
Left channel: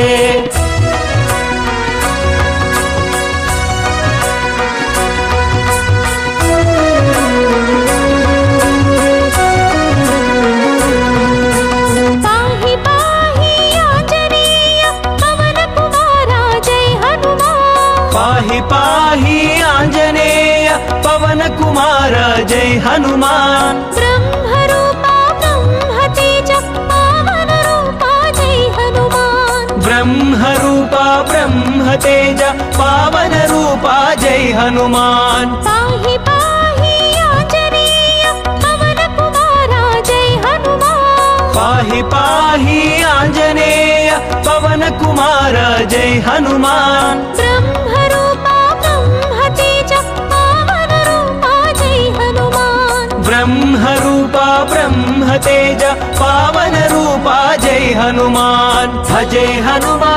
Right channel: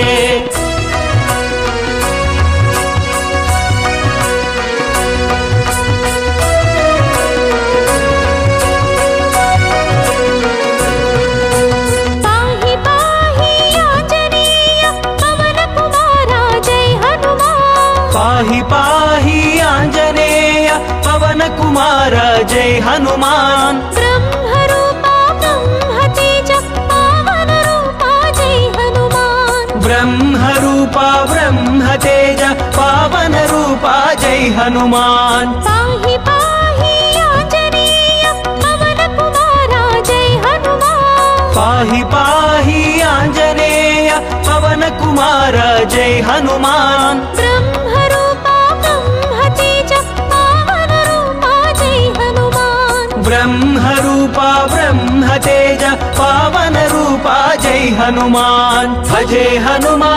पाहि पाहि आंजनेय पवन कुमारा जय हनुमान पाहि पाहि आंजनेय पवन कुमार जय हनुमान ब्रह्मरूपा ब्रह्मतेज पावन रूपा जय हनुमान ब्रह्मरूपा ब्रह्मतेज पावन रूपा जय हनुमान पाहि पाहि आंजनेय पवन कुमारा जय हनुमान पाहि पाहि आंजनेय पवन कुमार जय हनुमान ब्रह्मरूपा ब्रह्मतेज पावन रूपा जय हनुमान ब्रह्मरूपा ब्रह्मतेज पावन रूपा जय हनुमान भजे हनुमा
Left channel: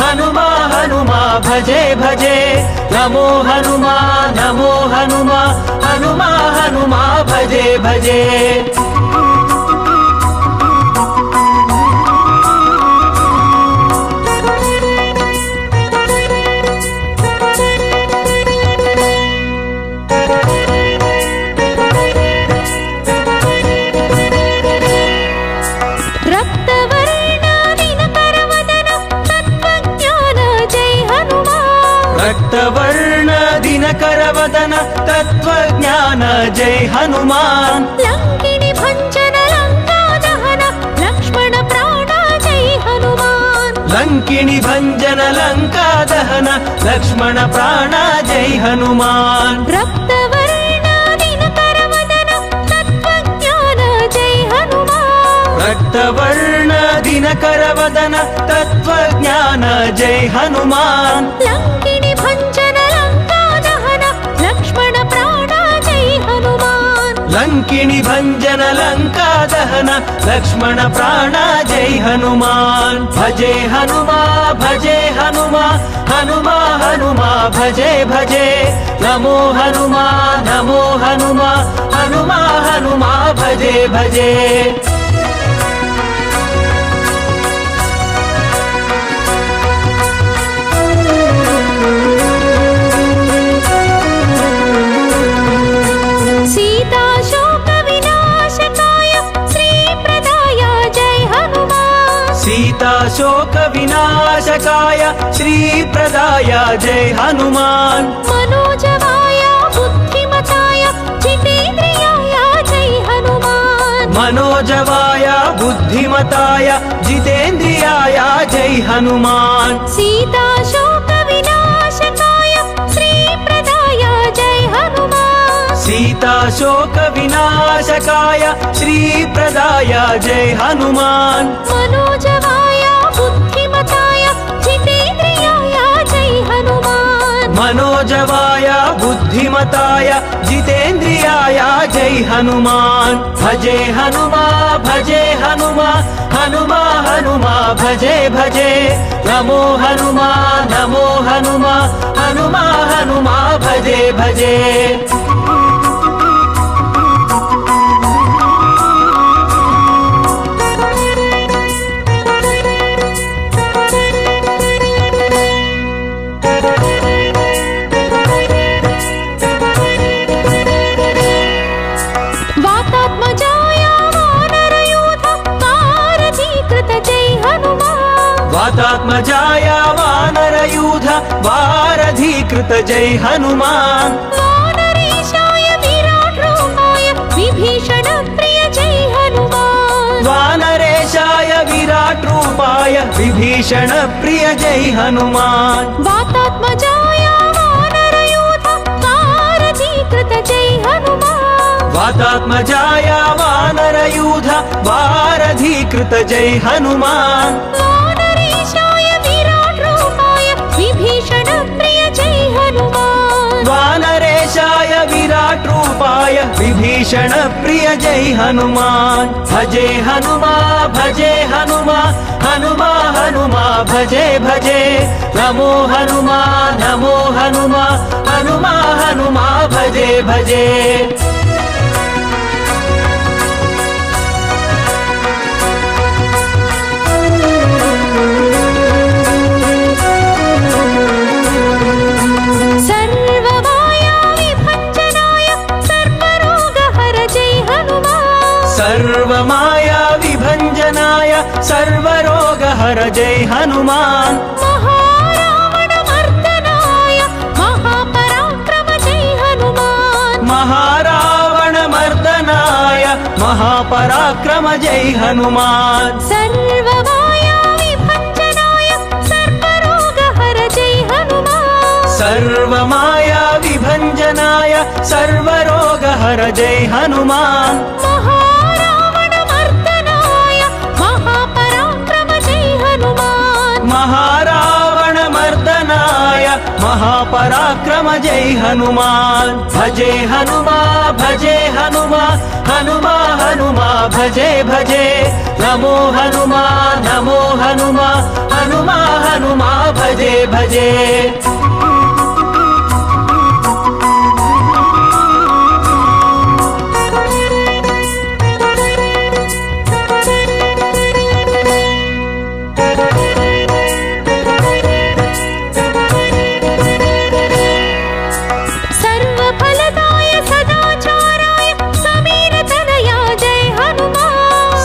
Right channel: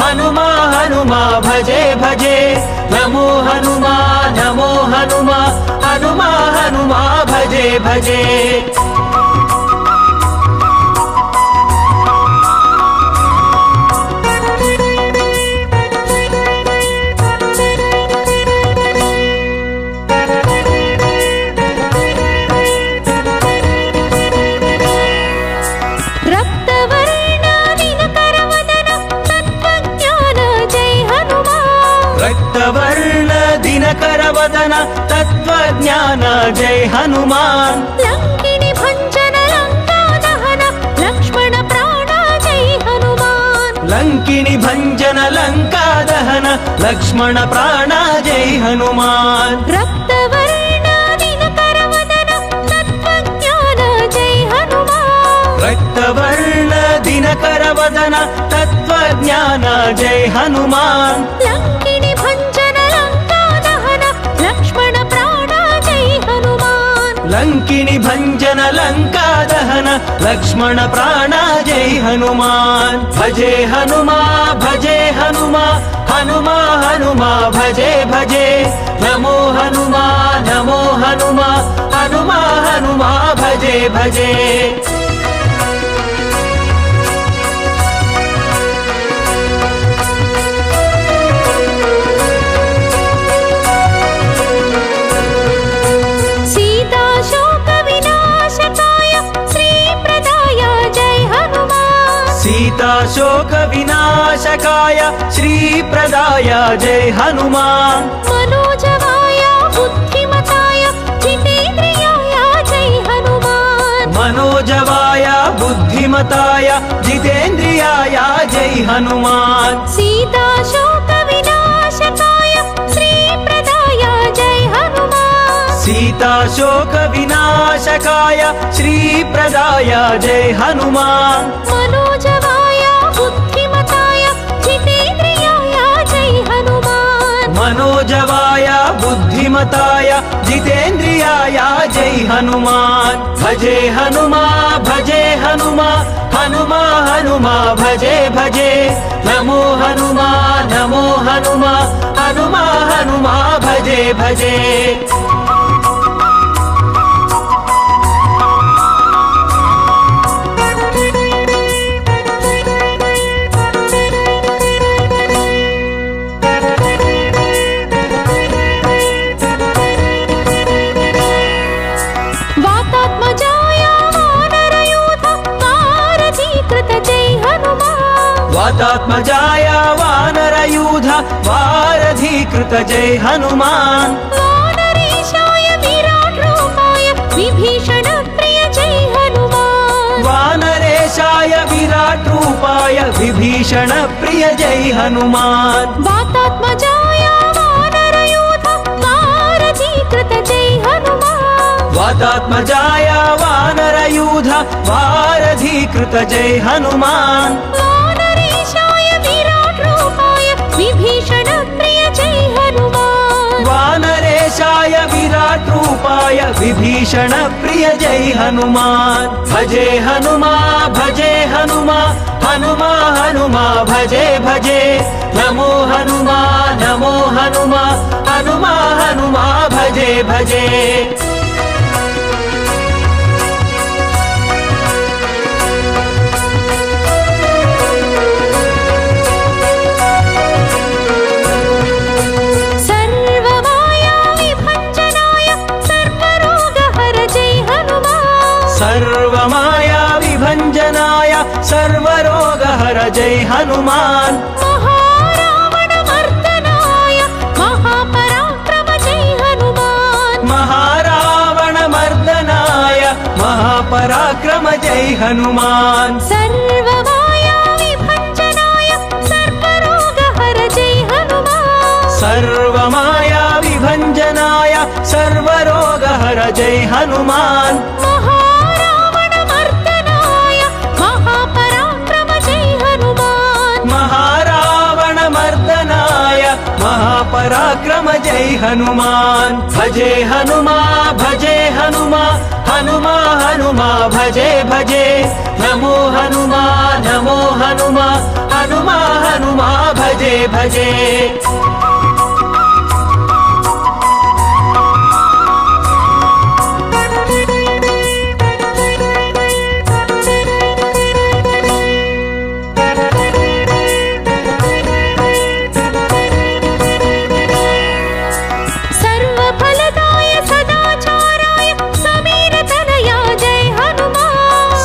हनुमा हनुमा भजे भजे नमो हनुमा हनुमा हनुमा भजे भजे रक्तवर्ण दिनकरवदन तत्त्वज्ञान जय हनुमान रक्तवर्ण दिनकरवदन तत्त्वज्ञान जय हनुमान लंकिनी भंजन लंका दहन लक्ष्मण प्राण जय हनुमान लंकिनी भंजन लंका दहन लक्ष्मण प्राण जय हनुमान रक्तवर्ण दिनकरवदन तत्त्वज्ञान जय हनुमान रक्तवर्ण दिनकरवदन तत्त्वज्ञान जय हनुमान लंकिनी भंजन लंका दहन लक्ष्मण प्राण जय हनुमान लंकिनी भंजन लंका दहन लक्ष्मण प्राण जय हनुमान भजे हनुमा हनुमा हनुमा भजे भजे नमो हनुमा हनुमा हनुमा भजे भजे सीता शोक विनाशकाय श्री प्रदाय जय हनुमान सीता शोक विनाशकाय श्री प्रदाय जय हनुमान मनोजवाय बुद्धिमताय जितेन्द्रियाय जय हनुमान मनोजवाय बुद्धिमताय जितेन्द्रियाय जय हनुमान सीता शोक विनाशकाय श्री प्रदाय जय हनुमान सीता शोक विनाशकाय श्री प्रदाय जय हनुमान मनोजवाय बुद्धिमताय जितेन्द्रियाय जय हनुमान मनोजवाय बुद्धिमताय जितेन्द्रियाय जय हनुमान भजे हनुमा हनुमा हनुमा भजे भजे नमो हनुमा हनुमा भजे भजे वातात्मजाय वानरयूथ वारधीकृत जय हनुमान वातात्मजाय वानरयूथ वारधीकृत जय हनुमान वानरेशाय विराट रूपाय विभीषण प्रिय जय हनुमान वातात्मजाय वानरयूथ वारधीकृत जय हनुमान वातात्मजाय वानरयूथ वारधीकृत जय हनुमान वानरेशाय विराट रूपाय विभीषण प्रिय जय हनुमान वानरेशाय विराट रूपाय विभीषण प्रिय जय हनुमान भजे हनुमा भजे हनुमा हनुमा हनुमा भजे भजे नमो हनुमा नमो हनुमा हनुमा हनुमा भजे भजे जय हनुमान महारावण मर्दनाय महापराक्रम जय हनुमान महारावण मर्दनाय महापराक्रम जय हनुमान सर्वमाया विभञ्जनाय सर्वरोगहर जय हनुमान सर्वमाया विभञ्जनाय सर्वरोगहर जय हनुमान महारावण मर्दनाय महापराक्रम जय हनुमान महारावण मर्दनाय महापराक्रम जय हनुमान भजे हनुमा भजे हनुमा हनुमा हनुमा भजे भजे नमो हनुमा नमो हनुमा हनुमा हनुमा भजे भजे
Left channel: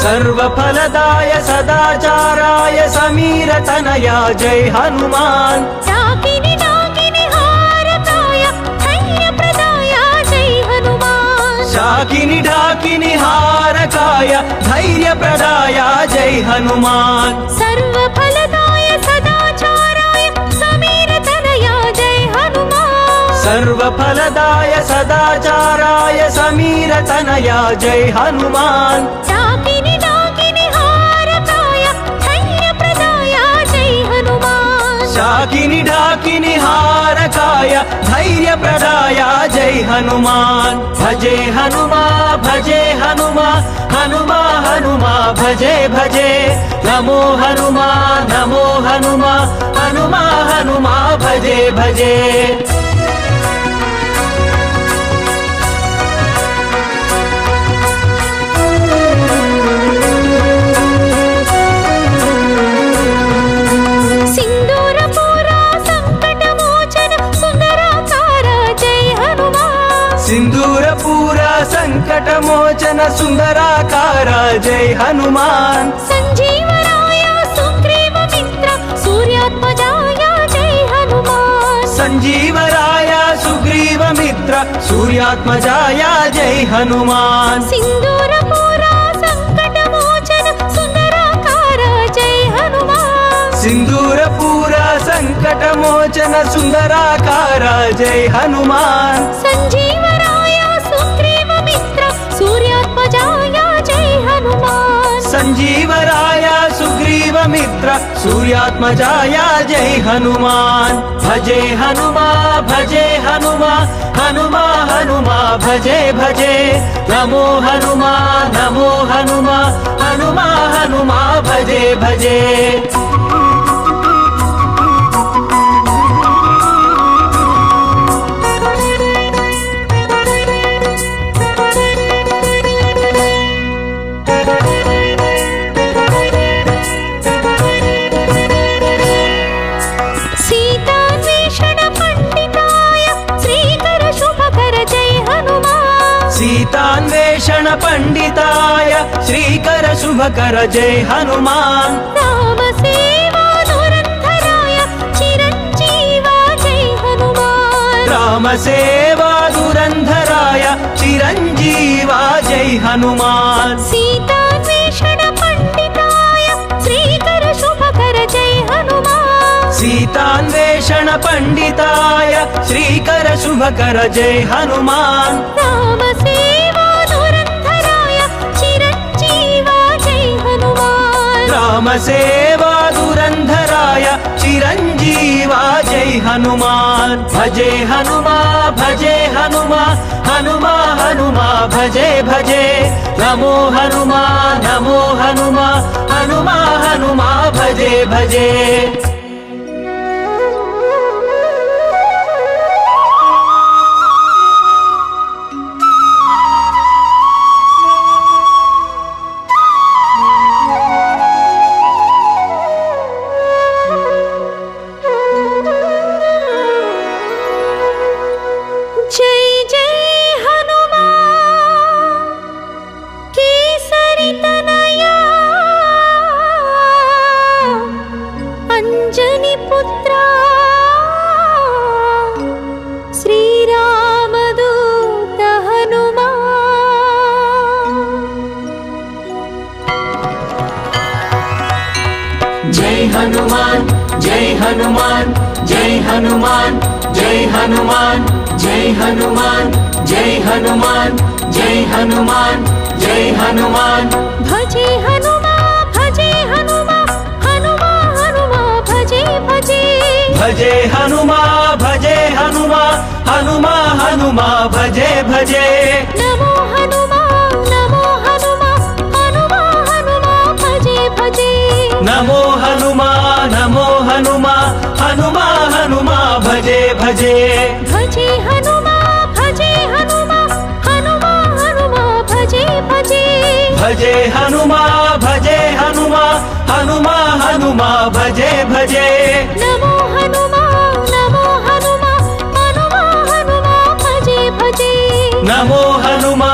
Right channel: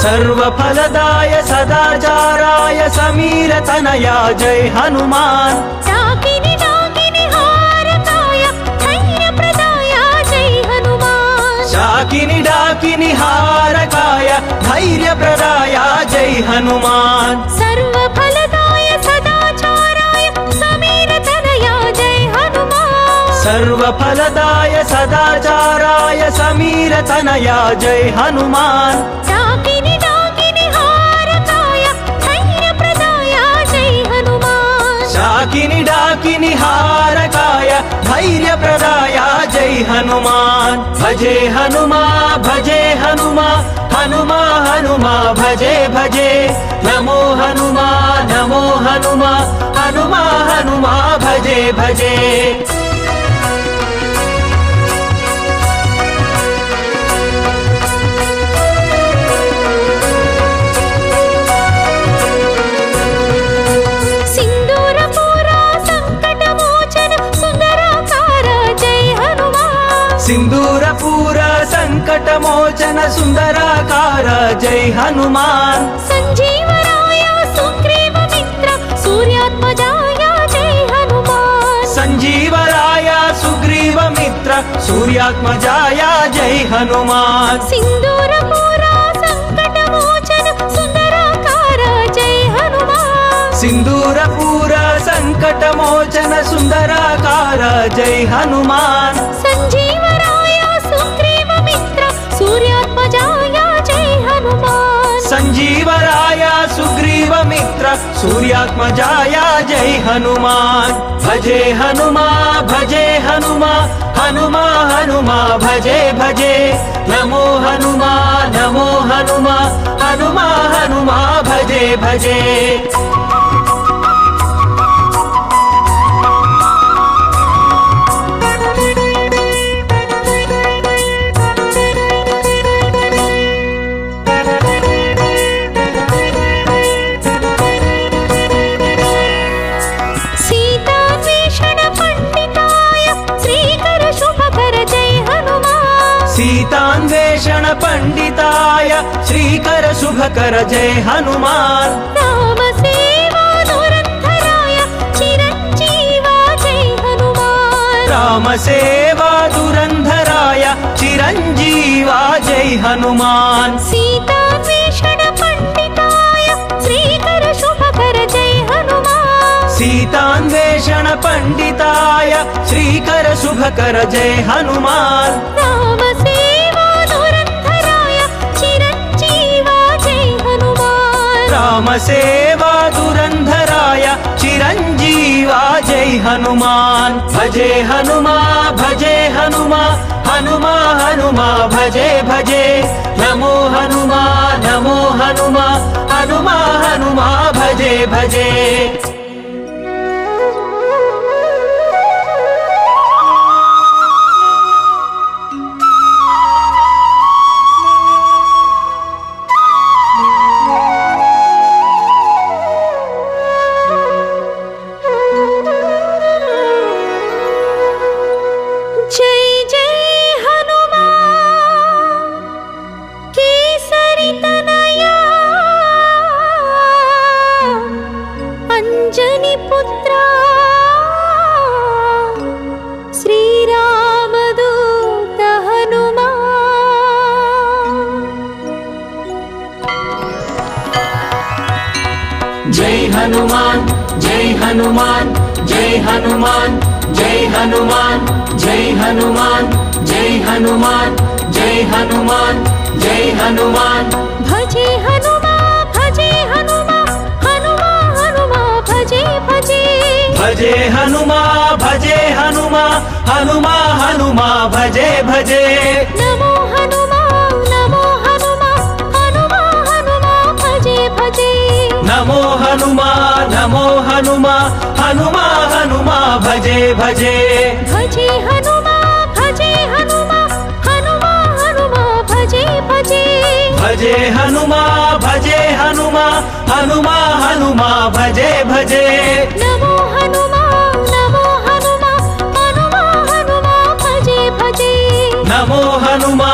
सर्वफलदाय सदाचाराय समीर तनया जय हनुमान डाकिनी डाकिनी हारकाय धैर्य प्रदाय जय हनुमान डाकिनी डाकिनी हारकाय धैर्य प्रदाय जय हनुमान सर्वफलदाय सदाचाराय समीर तनया जय हनुमान सर्वफलदाय सदाचाराय समीर तनया जय हनुमान डाकिनी डाकिनी हारकाय धैर्य प्रदाय जय हनुमान डाकिनी डाकिनी हारकाय धैर्य प्रदाय जय हनुमान भजे हनुमा भजे हनुमा हनुमा हनुमा भजे भजे नमो हनुमा नमो हनुमा हनुमा हनुमा भजे भजे सिंदूरपूर संकटमोचन सुंदराकार जय हनुमान संजीवराय सुग्रीव मित्र सूर्यात्मजाय जय हनुमान संजीवराय सुग्रीव मित्र सूर्यात्मजाय जय हनुमान सिंदूरपूर संकटमोचन सुंदराकार जय हनुमान सिंदूरपूर संकटमोचन सुंदराकार जय हनुमान संजीवराय सुग्रीव मित्र सूर्यात्मजाय जय हनुमान संजीवराय सुग्रीव मित्र सूर्यात्मजाय जय हनुमान भजे हनुमा भजे हनुमा हनुमा हनुमा भजे भजे नमो हनुमा नमो हनुमा हनुमा हनुमा भजे भजे सीतान्वेषण पंडिताय श्रीकर शुभकर जय हनुमान राम सेवा धुरंधराय चिरंजीवा जय हनुमान राम सेवा धुरंधराय चिरंजीवा जय हनुमान सीतान्वेषण पंडिताय श्रीकर शुभकर जय हनुमान शुभकर जय हनुमान राम सेवा धुरंधराय चिरंजीवा जय हनुमान राम सेवा धुरंधराय चिरंजीवा जय हनुमान भजे हनुमा हनुमा हनुमा भजे भजे नमो हनुमा हनुमा हनुमा भजे भजे जय जय हनुमान केसरी तनया अंजनी पुत्रा श्री रामदूत हनुमान जय हनुमान जय हनुमान जय हनुमान जय हनुमान जय हनुमान जय हनुमान जय हनुमान जय हनुमान भजे हनुमा हनुमा हनुमा भजे भजे भजे हनुमा हनुमा हनुमा भजे भजे नमो हनुमा हनुमा हनुमा भजे भजे नमो हनुमा हनुमा हनुमा भजे भजे भजे हनुमा हनुमा हनुमा भजे भजे भजे हनुमा हनुमा हनुमा भजे भजे नमो हनुमा हनुमा हनुमा भजे भजे नमो हनुमा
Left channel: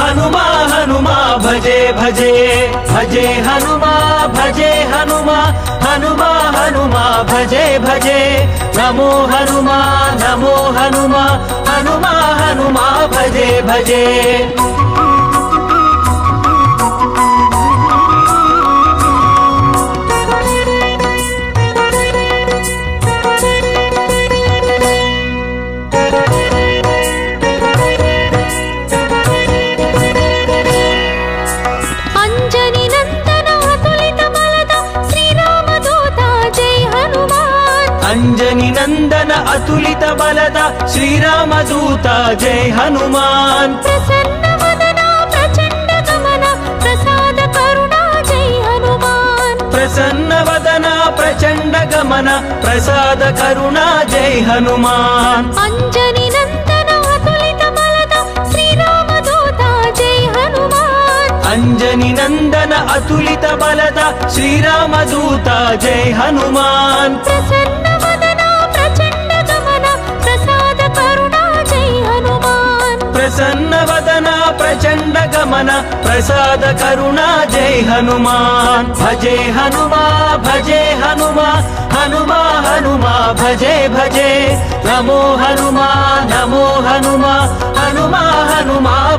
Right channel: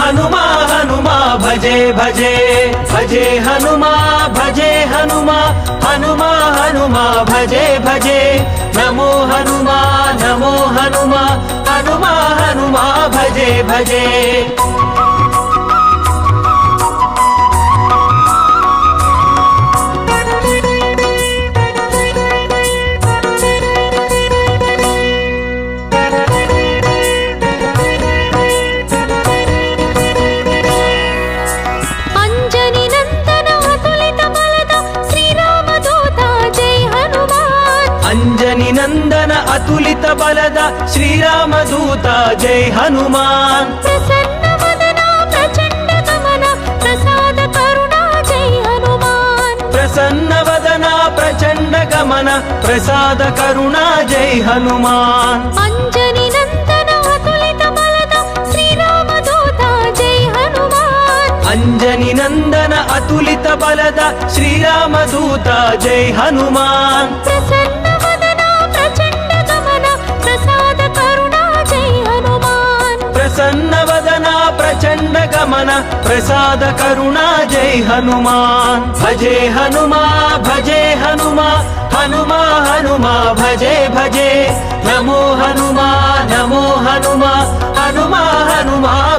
हनुमा हनुमा भजे भजे भजे हनुमा हनुमा हनुमा भजे भजे नमो हनुमा हनुमा हनुमा भजे भजे अंजनी नंदन अतुलित बलद श्रीरामदूत जय हनुमान अंजनी नंदन अतुलित बलद श्रीरामदूत जय हनुमान प्रसन्न वदन प्रचंड गमन प्रसाद करुणा जय हनुमान प्रसन्न वदन प्रचंड गमन प्रसाद करुणा जय हनुमान अंजनी नंदन अतुलित बलद श्रीरामदूत जय हनुमान अंजनी नंदन अतुलित बलद श्रीरामदूत जय हनुमान प्रसन्न वदन प्रचंड गमन प्रसाद करुणा जय हनुमान प्रसन्न वदन प्रचंड गमन प्रसाद करुणा जय हनुमान भजे हनुमा हनुमा हनुमा भजे भजे नमो हनुमा हनुमा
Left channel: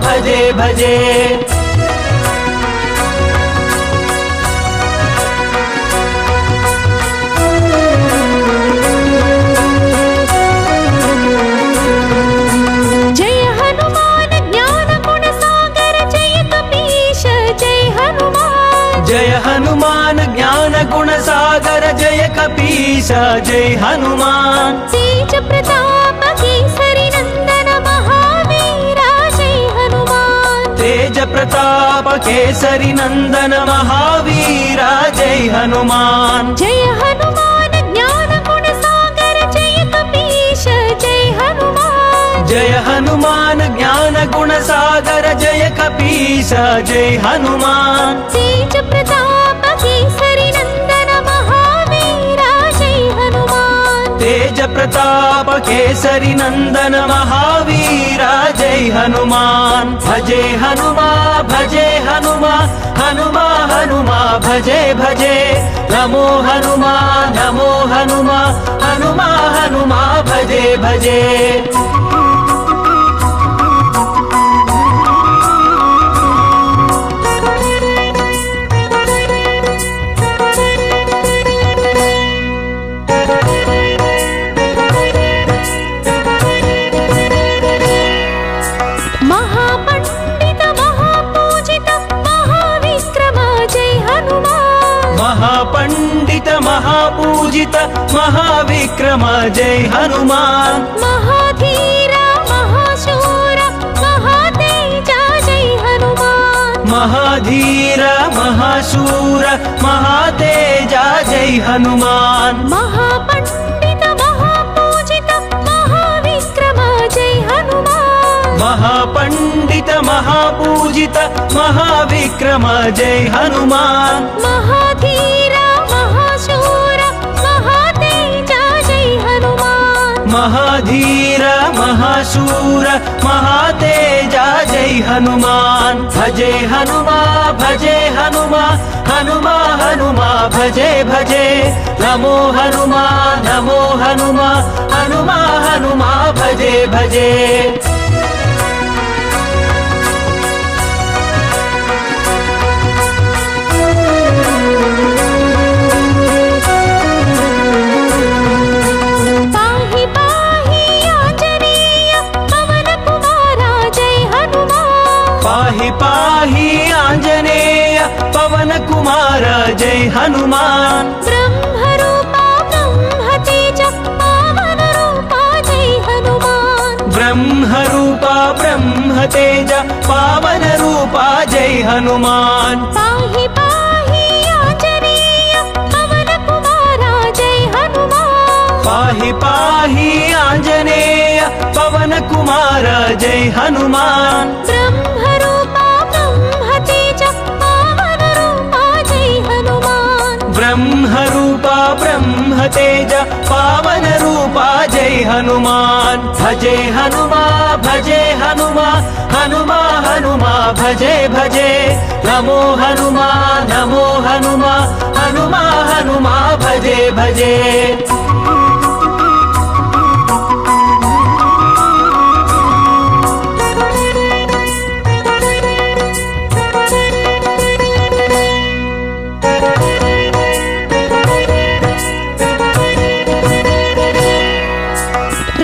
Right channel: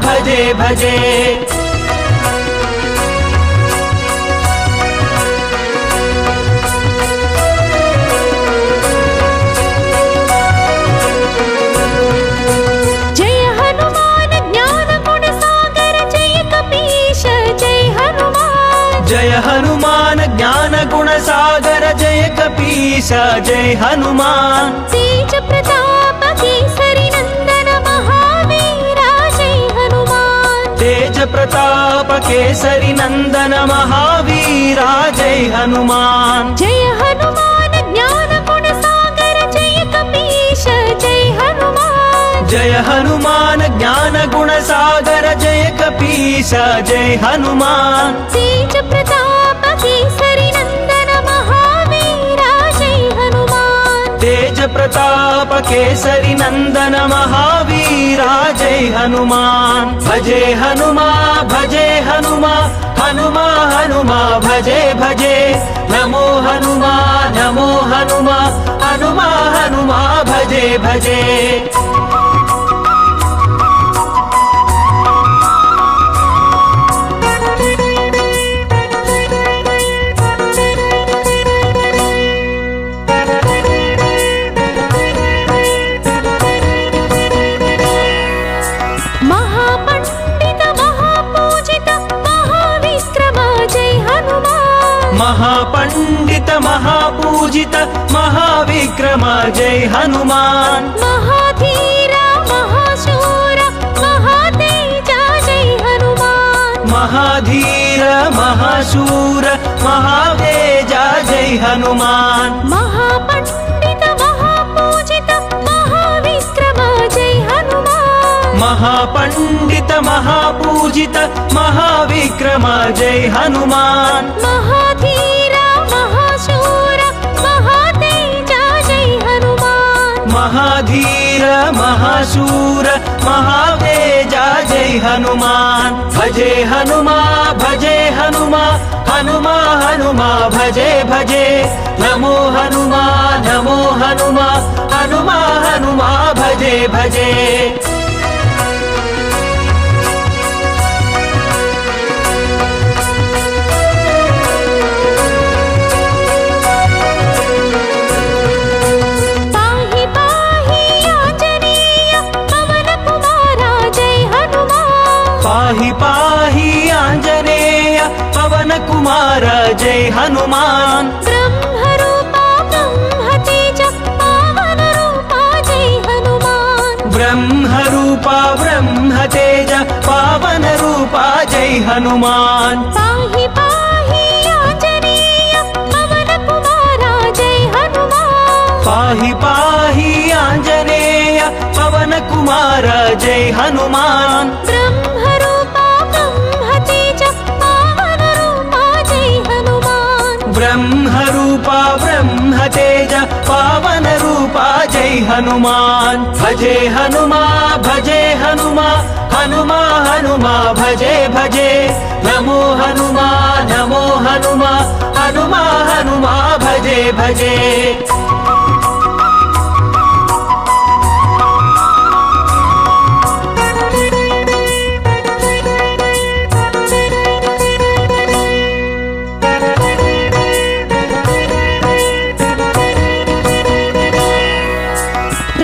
भजे भजे जय हनुमान ज्ञान गुण सागर जय कपीश जय हनुमान जय हनुमान ज्ञान गुण सागर जय कपीश जय हनुमान तेज प्रताप केसरी नंदन महावीरा जय हनुमान तेज प्रताप केसरी नंदन महावीरा जय हनुमान जय हनुमान ज्ञान गुण सागर जय कपीश जय हनुमान जय हनुमान ज्ञान गुण सागर जय कपीश जय हनुमान तेज प्रताप केसरी नंदन महावीरा जय हनुमान तेज प्रताप केसरी नंदन महावीरा जय हनुमान भजे हनुमा हनुमा हनुमा भजे भजे नमो हनुमा हनुमा भजे भजे महाविक्रम जय हनुमान महाधीर महाशूर महातेज जय हनुमान महाधीर महाशूर महातेज जय हनुमान महापंडित महापूजित महाविक्रम जय हनुमान महापंडित महापूजित महाविक्रम जय हनुमान महाधीर महाशूर महातेज जय हनुमान महाधीर महाशूर महातेज जय हनुमान भजे हनुमा हनुमा हनुमा भजे भजे नमो हनुमा हनुमा हनुमा भजे भजे पाहि पाहि आंजनेय पवन कुमारा जय हनुमान पाहि पाहि आंजनेय पवन कुमार जय हनुमान ब्रह्मरूपा ब्रह्मतेज पावन रूपा जय हनुमान ब्रह्मरूपा ब्रह्मतेज पावन रूपा जय हनुमान पाहि पाहि आंजनेय पवन कुमारा जय हनुमान पाहि पाहि आंजनेय पवन कुमार जय हनुमान ब्रह्मरूपा ब्रह्मतेज पावन रूपा जय हनुमान ब्रह्मरूपा ब्रह्मतेज पावन रूपा जय हनुमान भजे हनुमा हनुमा हनुमा भजे भजे नमो हनुमा हनुमा हनुमा भजे भजे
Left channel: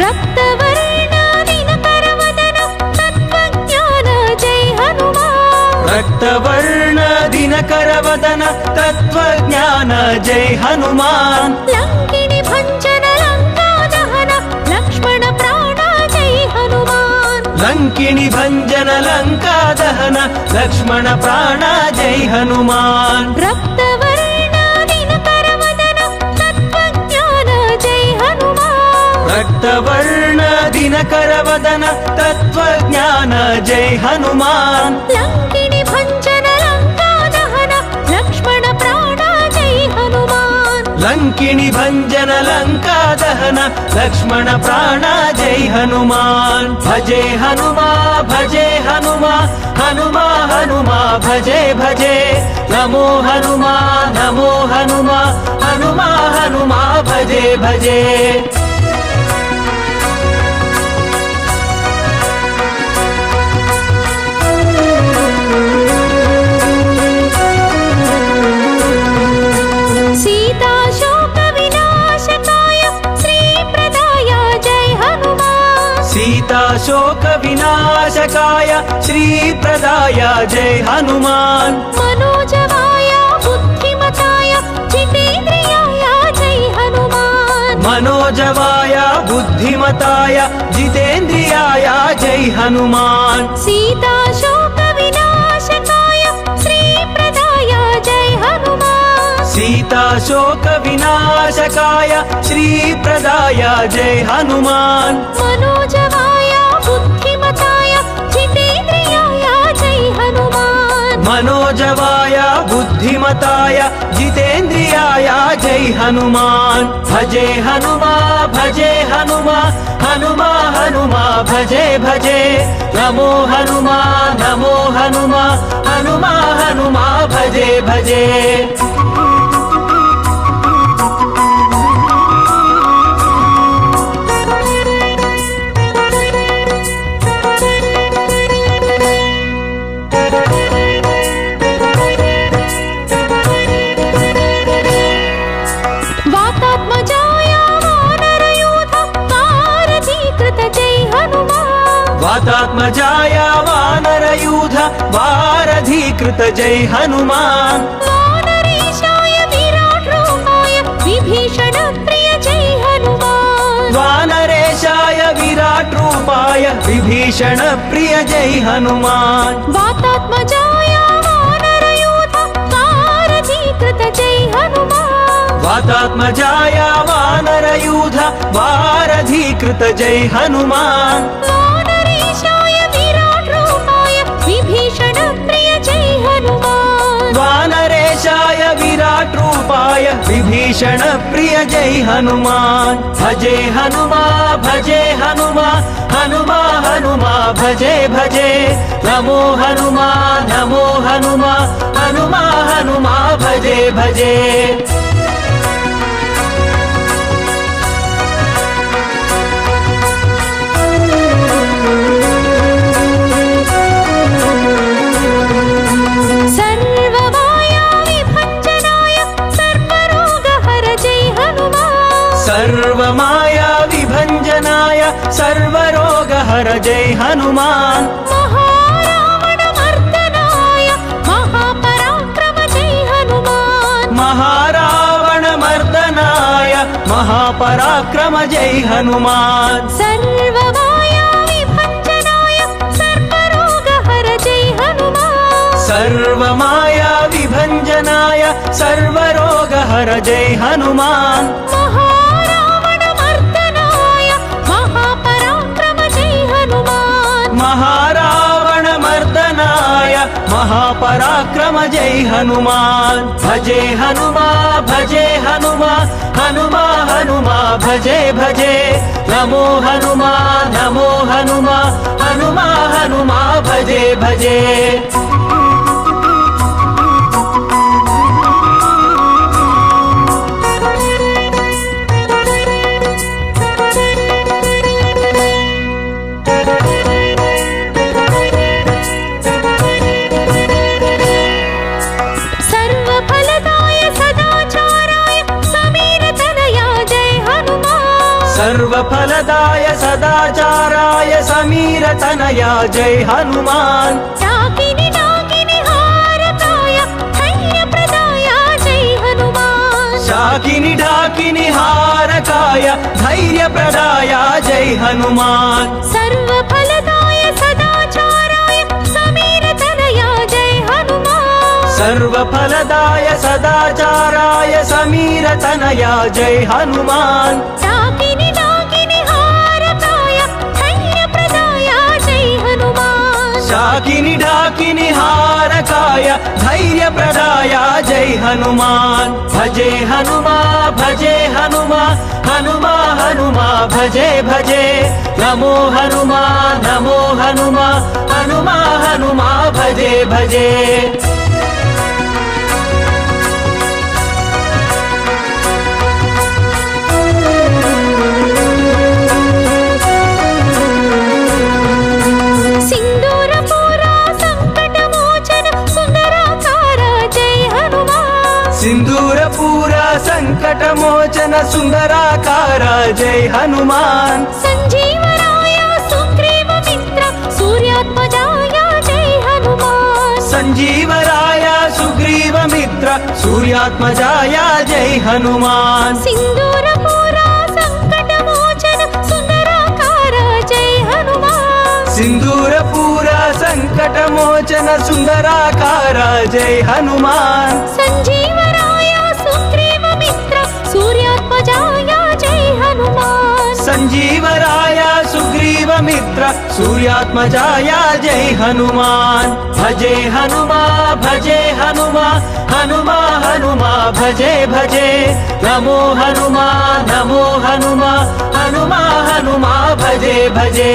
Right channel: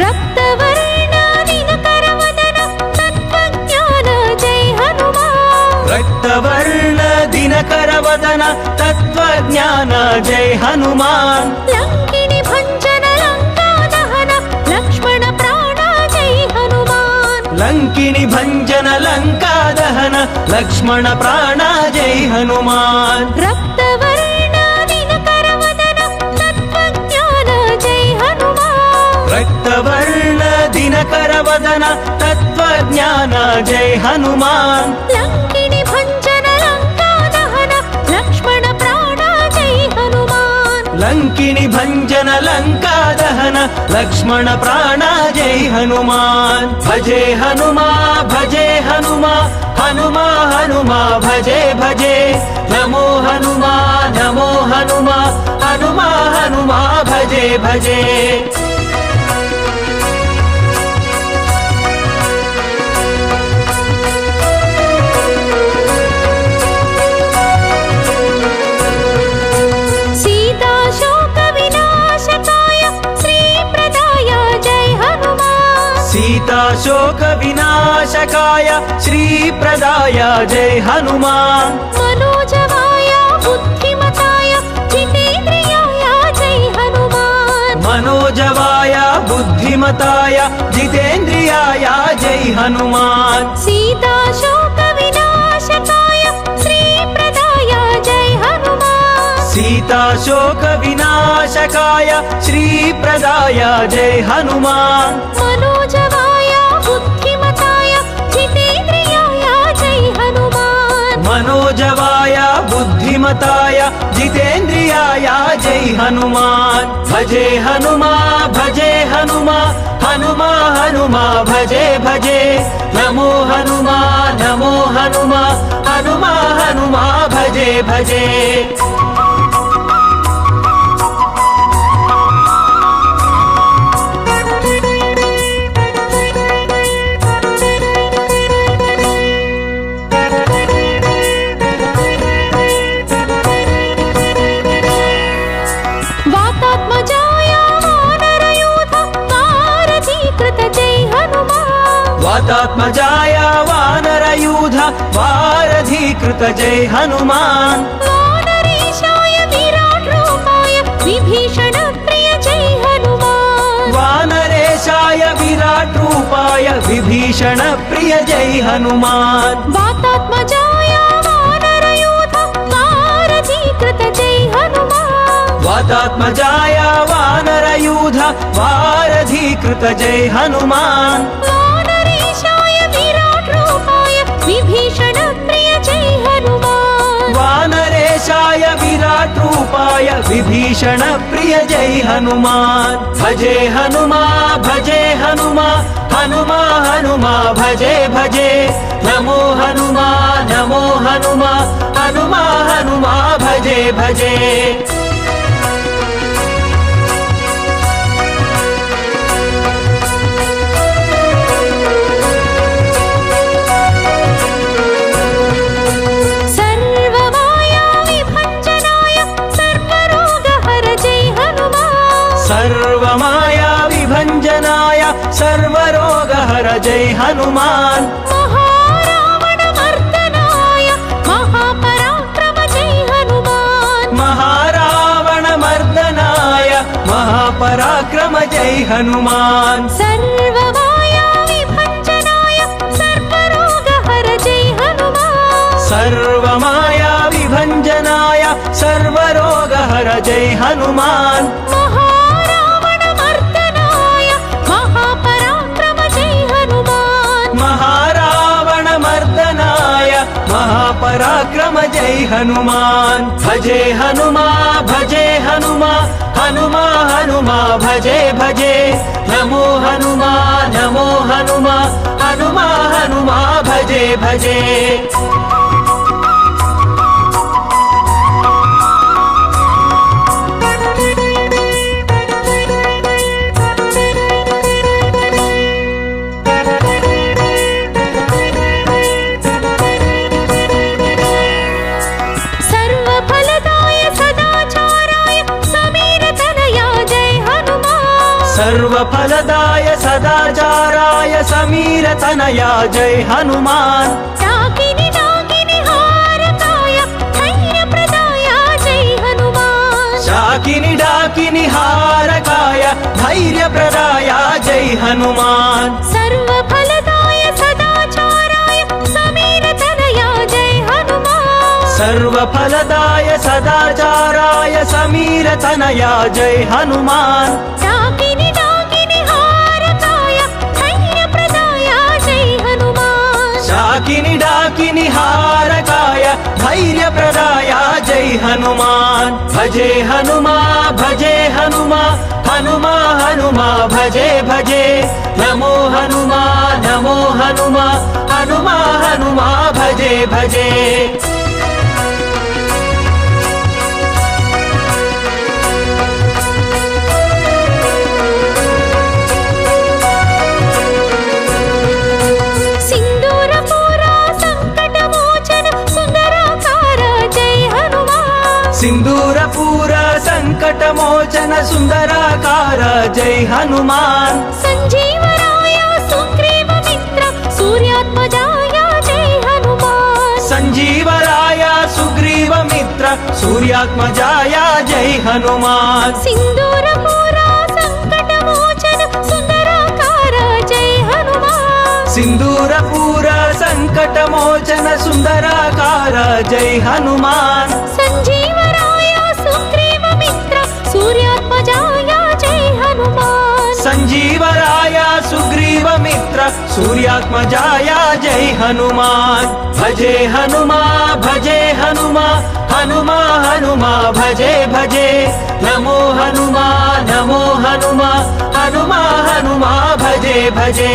रक्तवर्ण दिनकरवदन तत्त्वज्ञान जय हनुमान रक्तवर्ण दिनकरवदन तत्त्वज्ञान जय हनुमान लंकिनी भंजन लंका दहन लक्ष्मण प्राण जय हनुमान लंकिनी भंजन लंका दहन लक्ष्मण प्राण जय हनुमान रक्तवर्ण दिनकरवदन तत्त्वज्ञान जय हनुमान रक्तवर्ण दिनकरवदन तत्त्वज्ञान जय हनुमान लंकिनी भंजन लंका दहन लक्ष्मण प्राण जय हनुमान लंकिनी भंजन लंका दहन लक्ष्मण प्राण जय हनुमान भजे हनुमा हनुमा भजे भजे नमो हनुमा हनुमा भजे भजे सीता शोक विनाशकाय श्री प्रदाय जय हनुमान सीता शोक विनाशकाय श्री प्रदाय जय हनुमान मनोजवाय बुद्धिमताय जितेन्द्रियाय जय हनुमान मनोजवाय बुद्धिमताय जितेन्द्रियाय जय हनुमान सीता शोक विनाशकाय श्री प्रदाय जय हनुमान सीता शोक विनाशकाय श्री प्रदाय जय हनुमान मनोजवाय बुद्धिमताय जितेन्द्रियाय जय हनुमान मनोजवाय बुद्धिमताय जितेन्द्रियाय जय हनुमान भजे हनुमा हनुमा भजे भजे नमो हनुमा हनुमा भजे भजे वातात्मजाय वानरयूथ वारधीकृत जय हनुमान वातात्मजाय वानरयूथ वारधीकृत जय हनुमान वानरेशाय विराट रूपाय विभीषण रूपाय विभीषण प्रिय जय हनुमान वातात्मजाय वानरयूथ वारधीकृत जय हनुमान वातात्मजाय वानरयूथ वारधीकृत जय हनुमान वानरेशाय विराट रूपाय विभीषण प्रिय जय हनुमान वानरेशाय विराट रूपाय विभीषण प्रिय जय हनुमान भजे हनुमा भजे हनुमा हनुमा हनुमा भजे भजे नमो हनुमा नमो हनुमा हनुमा हनुमा भजे भजे जय हनुमान महारावण मर्दनाय महापराक्रम जय हनुमान महारावण मर्दनाय महापराक्रम जय हनुमान सर्वमाया विभञ्जनाय सर्वरोगहर जय हनुमान सर्वमाया विभञ्जनाय सर्वरोगहर जय हनुमान महारावण मर्दनाय महापराक्रम जय हनुमान महारावण मर्दनाय महापराक्रम जय हनुमान भजे हनुमा भजे हनुमा हनुमा हनुमा भजे भजे नमो हनुमा नमो हनुमा हनुमा हनुमा भजे भजे सर्वफलदाय सदाचाराय समीर तनया जय हनुमान डाकिनी डाकिनी हारकाय धैर्यप्रदाय जय हनुमान डाकिनी डाकिनी हारकाय धैर्यप्रदाय जय हनुमान सर्वफलदाय सदाचाराय समीर तनया जय हनुमान सर्वफलदाय सदाचाराय समीर तनया जय हनुमान डाकिनी डाकिनी हारकाय धैर्यप्रदाय जय हनुमान डाकिनी डाकिनी हारकाय धैर्यप्रदाय जय हनुमान भजे हनुमा भजे हनुमा हनुमा हनुमा भजे भजे नमो हनुमा नमो हनुमा हनुमा हनुमा भजे भजे सिंदूरपूर संकटमोचन सुंदराकार जय हनुमान संजीवराय सुग्रीव मित्र सूर्यात्मजाय जय हनुमान संजीवराय सुग्रीव मित्र सूर्यात्मजाय जय हनुमान सिंदूरपूर संकटमोचन सुंदराकार जय हनुमान सिंदूरपूर संकटमोचन सुंदराकार जय हनुमान संजीवराय सुग्रीव मित्र सूर्यात्मजाय जय हनुमान संजीवराय सुग्रीव मित्र सूर्यात्मजाय जय हनुमान भजे हनुमा भजे हनुमा हनुमा हनुमा भजे भजे नमो हनुमा नमो हनुमा हनुमा हनुमा भजे भजे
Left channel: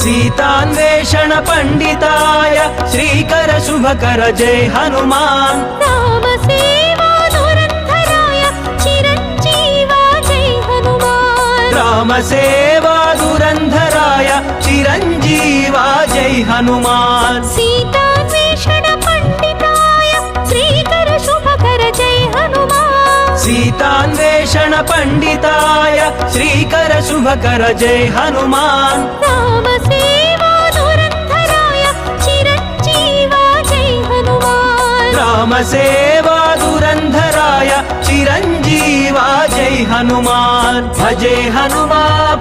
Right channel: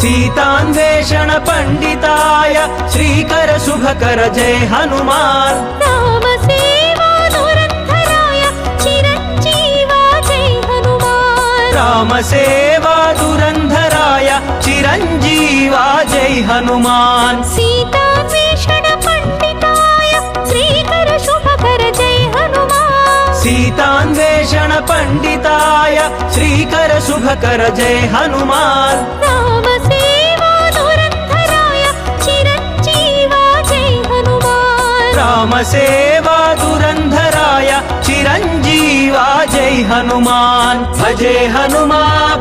सीतान्वेषण पंडिताय श्रीकर शुभकर जय हनुमान राम सेवा धुरंधराय चिरंजीवा जय हनुमान राम सेवा धुरंधराय चिरंजीवा जय हनुमान सीतान्वेषण पंडिताय श्रीकर शुभकर सीतान्वेषण पंडिताय श्रीकर शुभकर जय हनुमान राम सेवा धुरंधराय चिरंजीवा जय हनुमान राम सेवा धुरंधराय चिरंजीवा जय हनुमान भजे हनुमान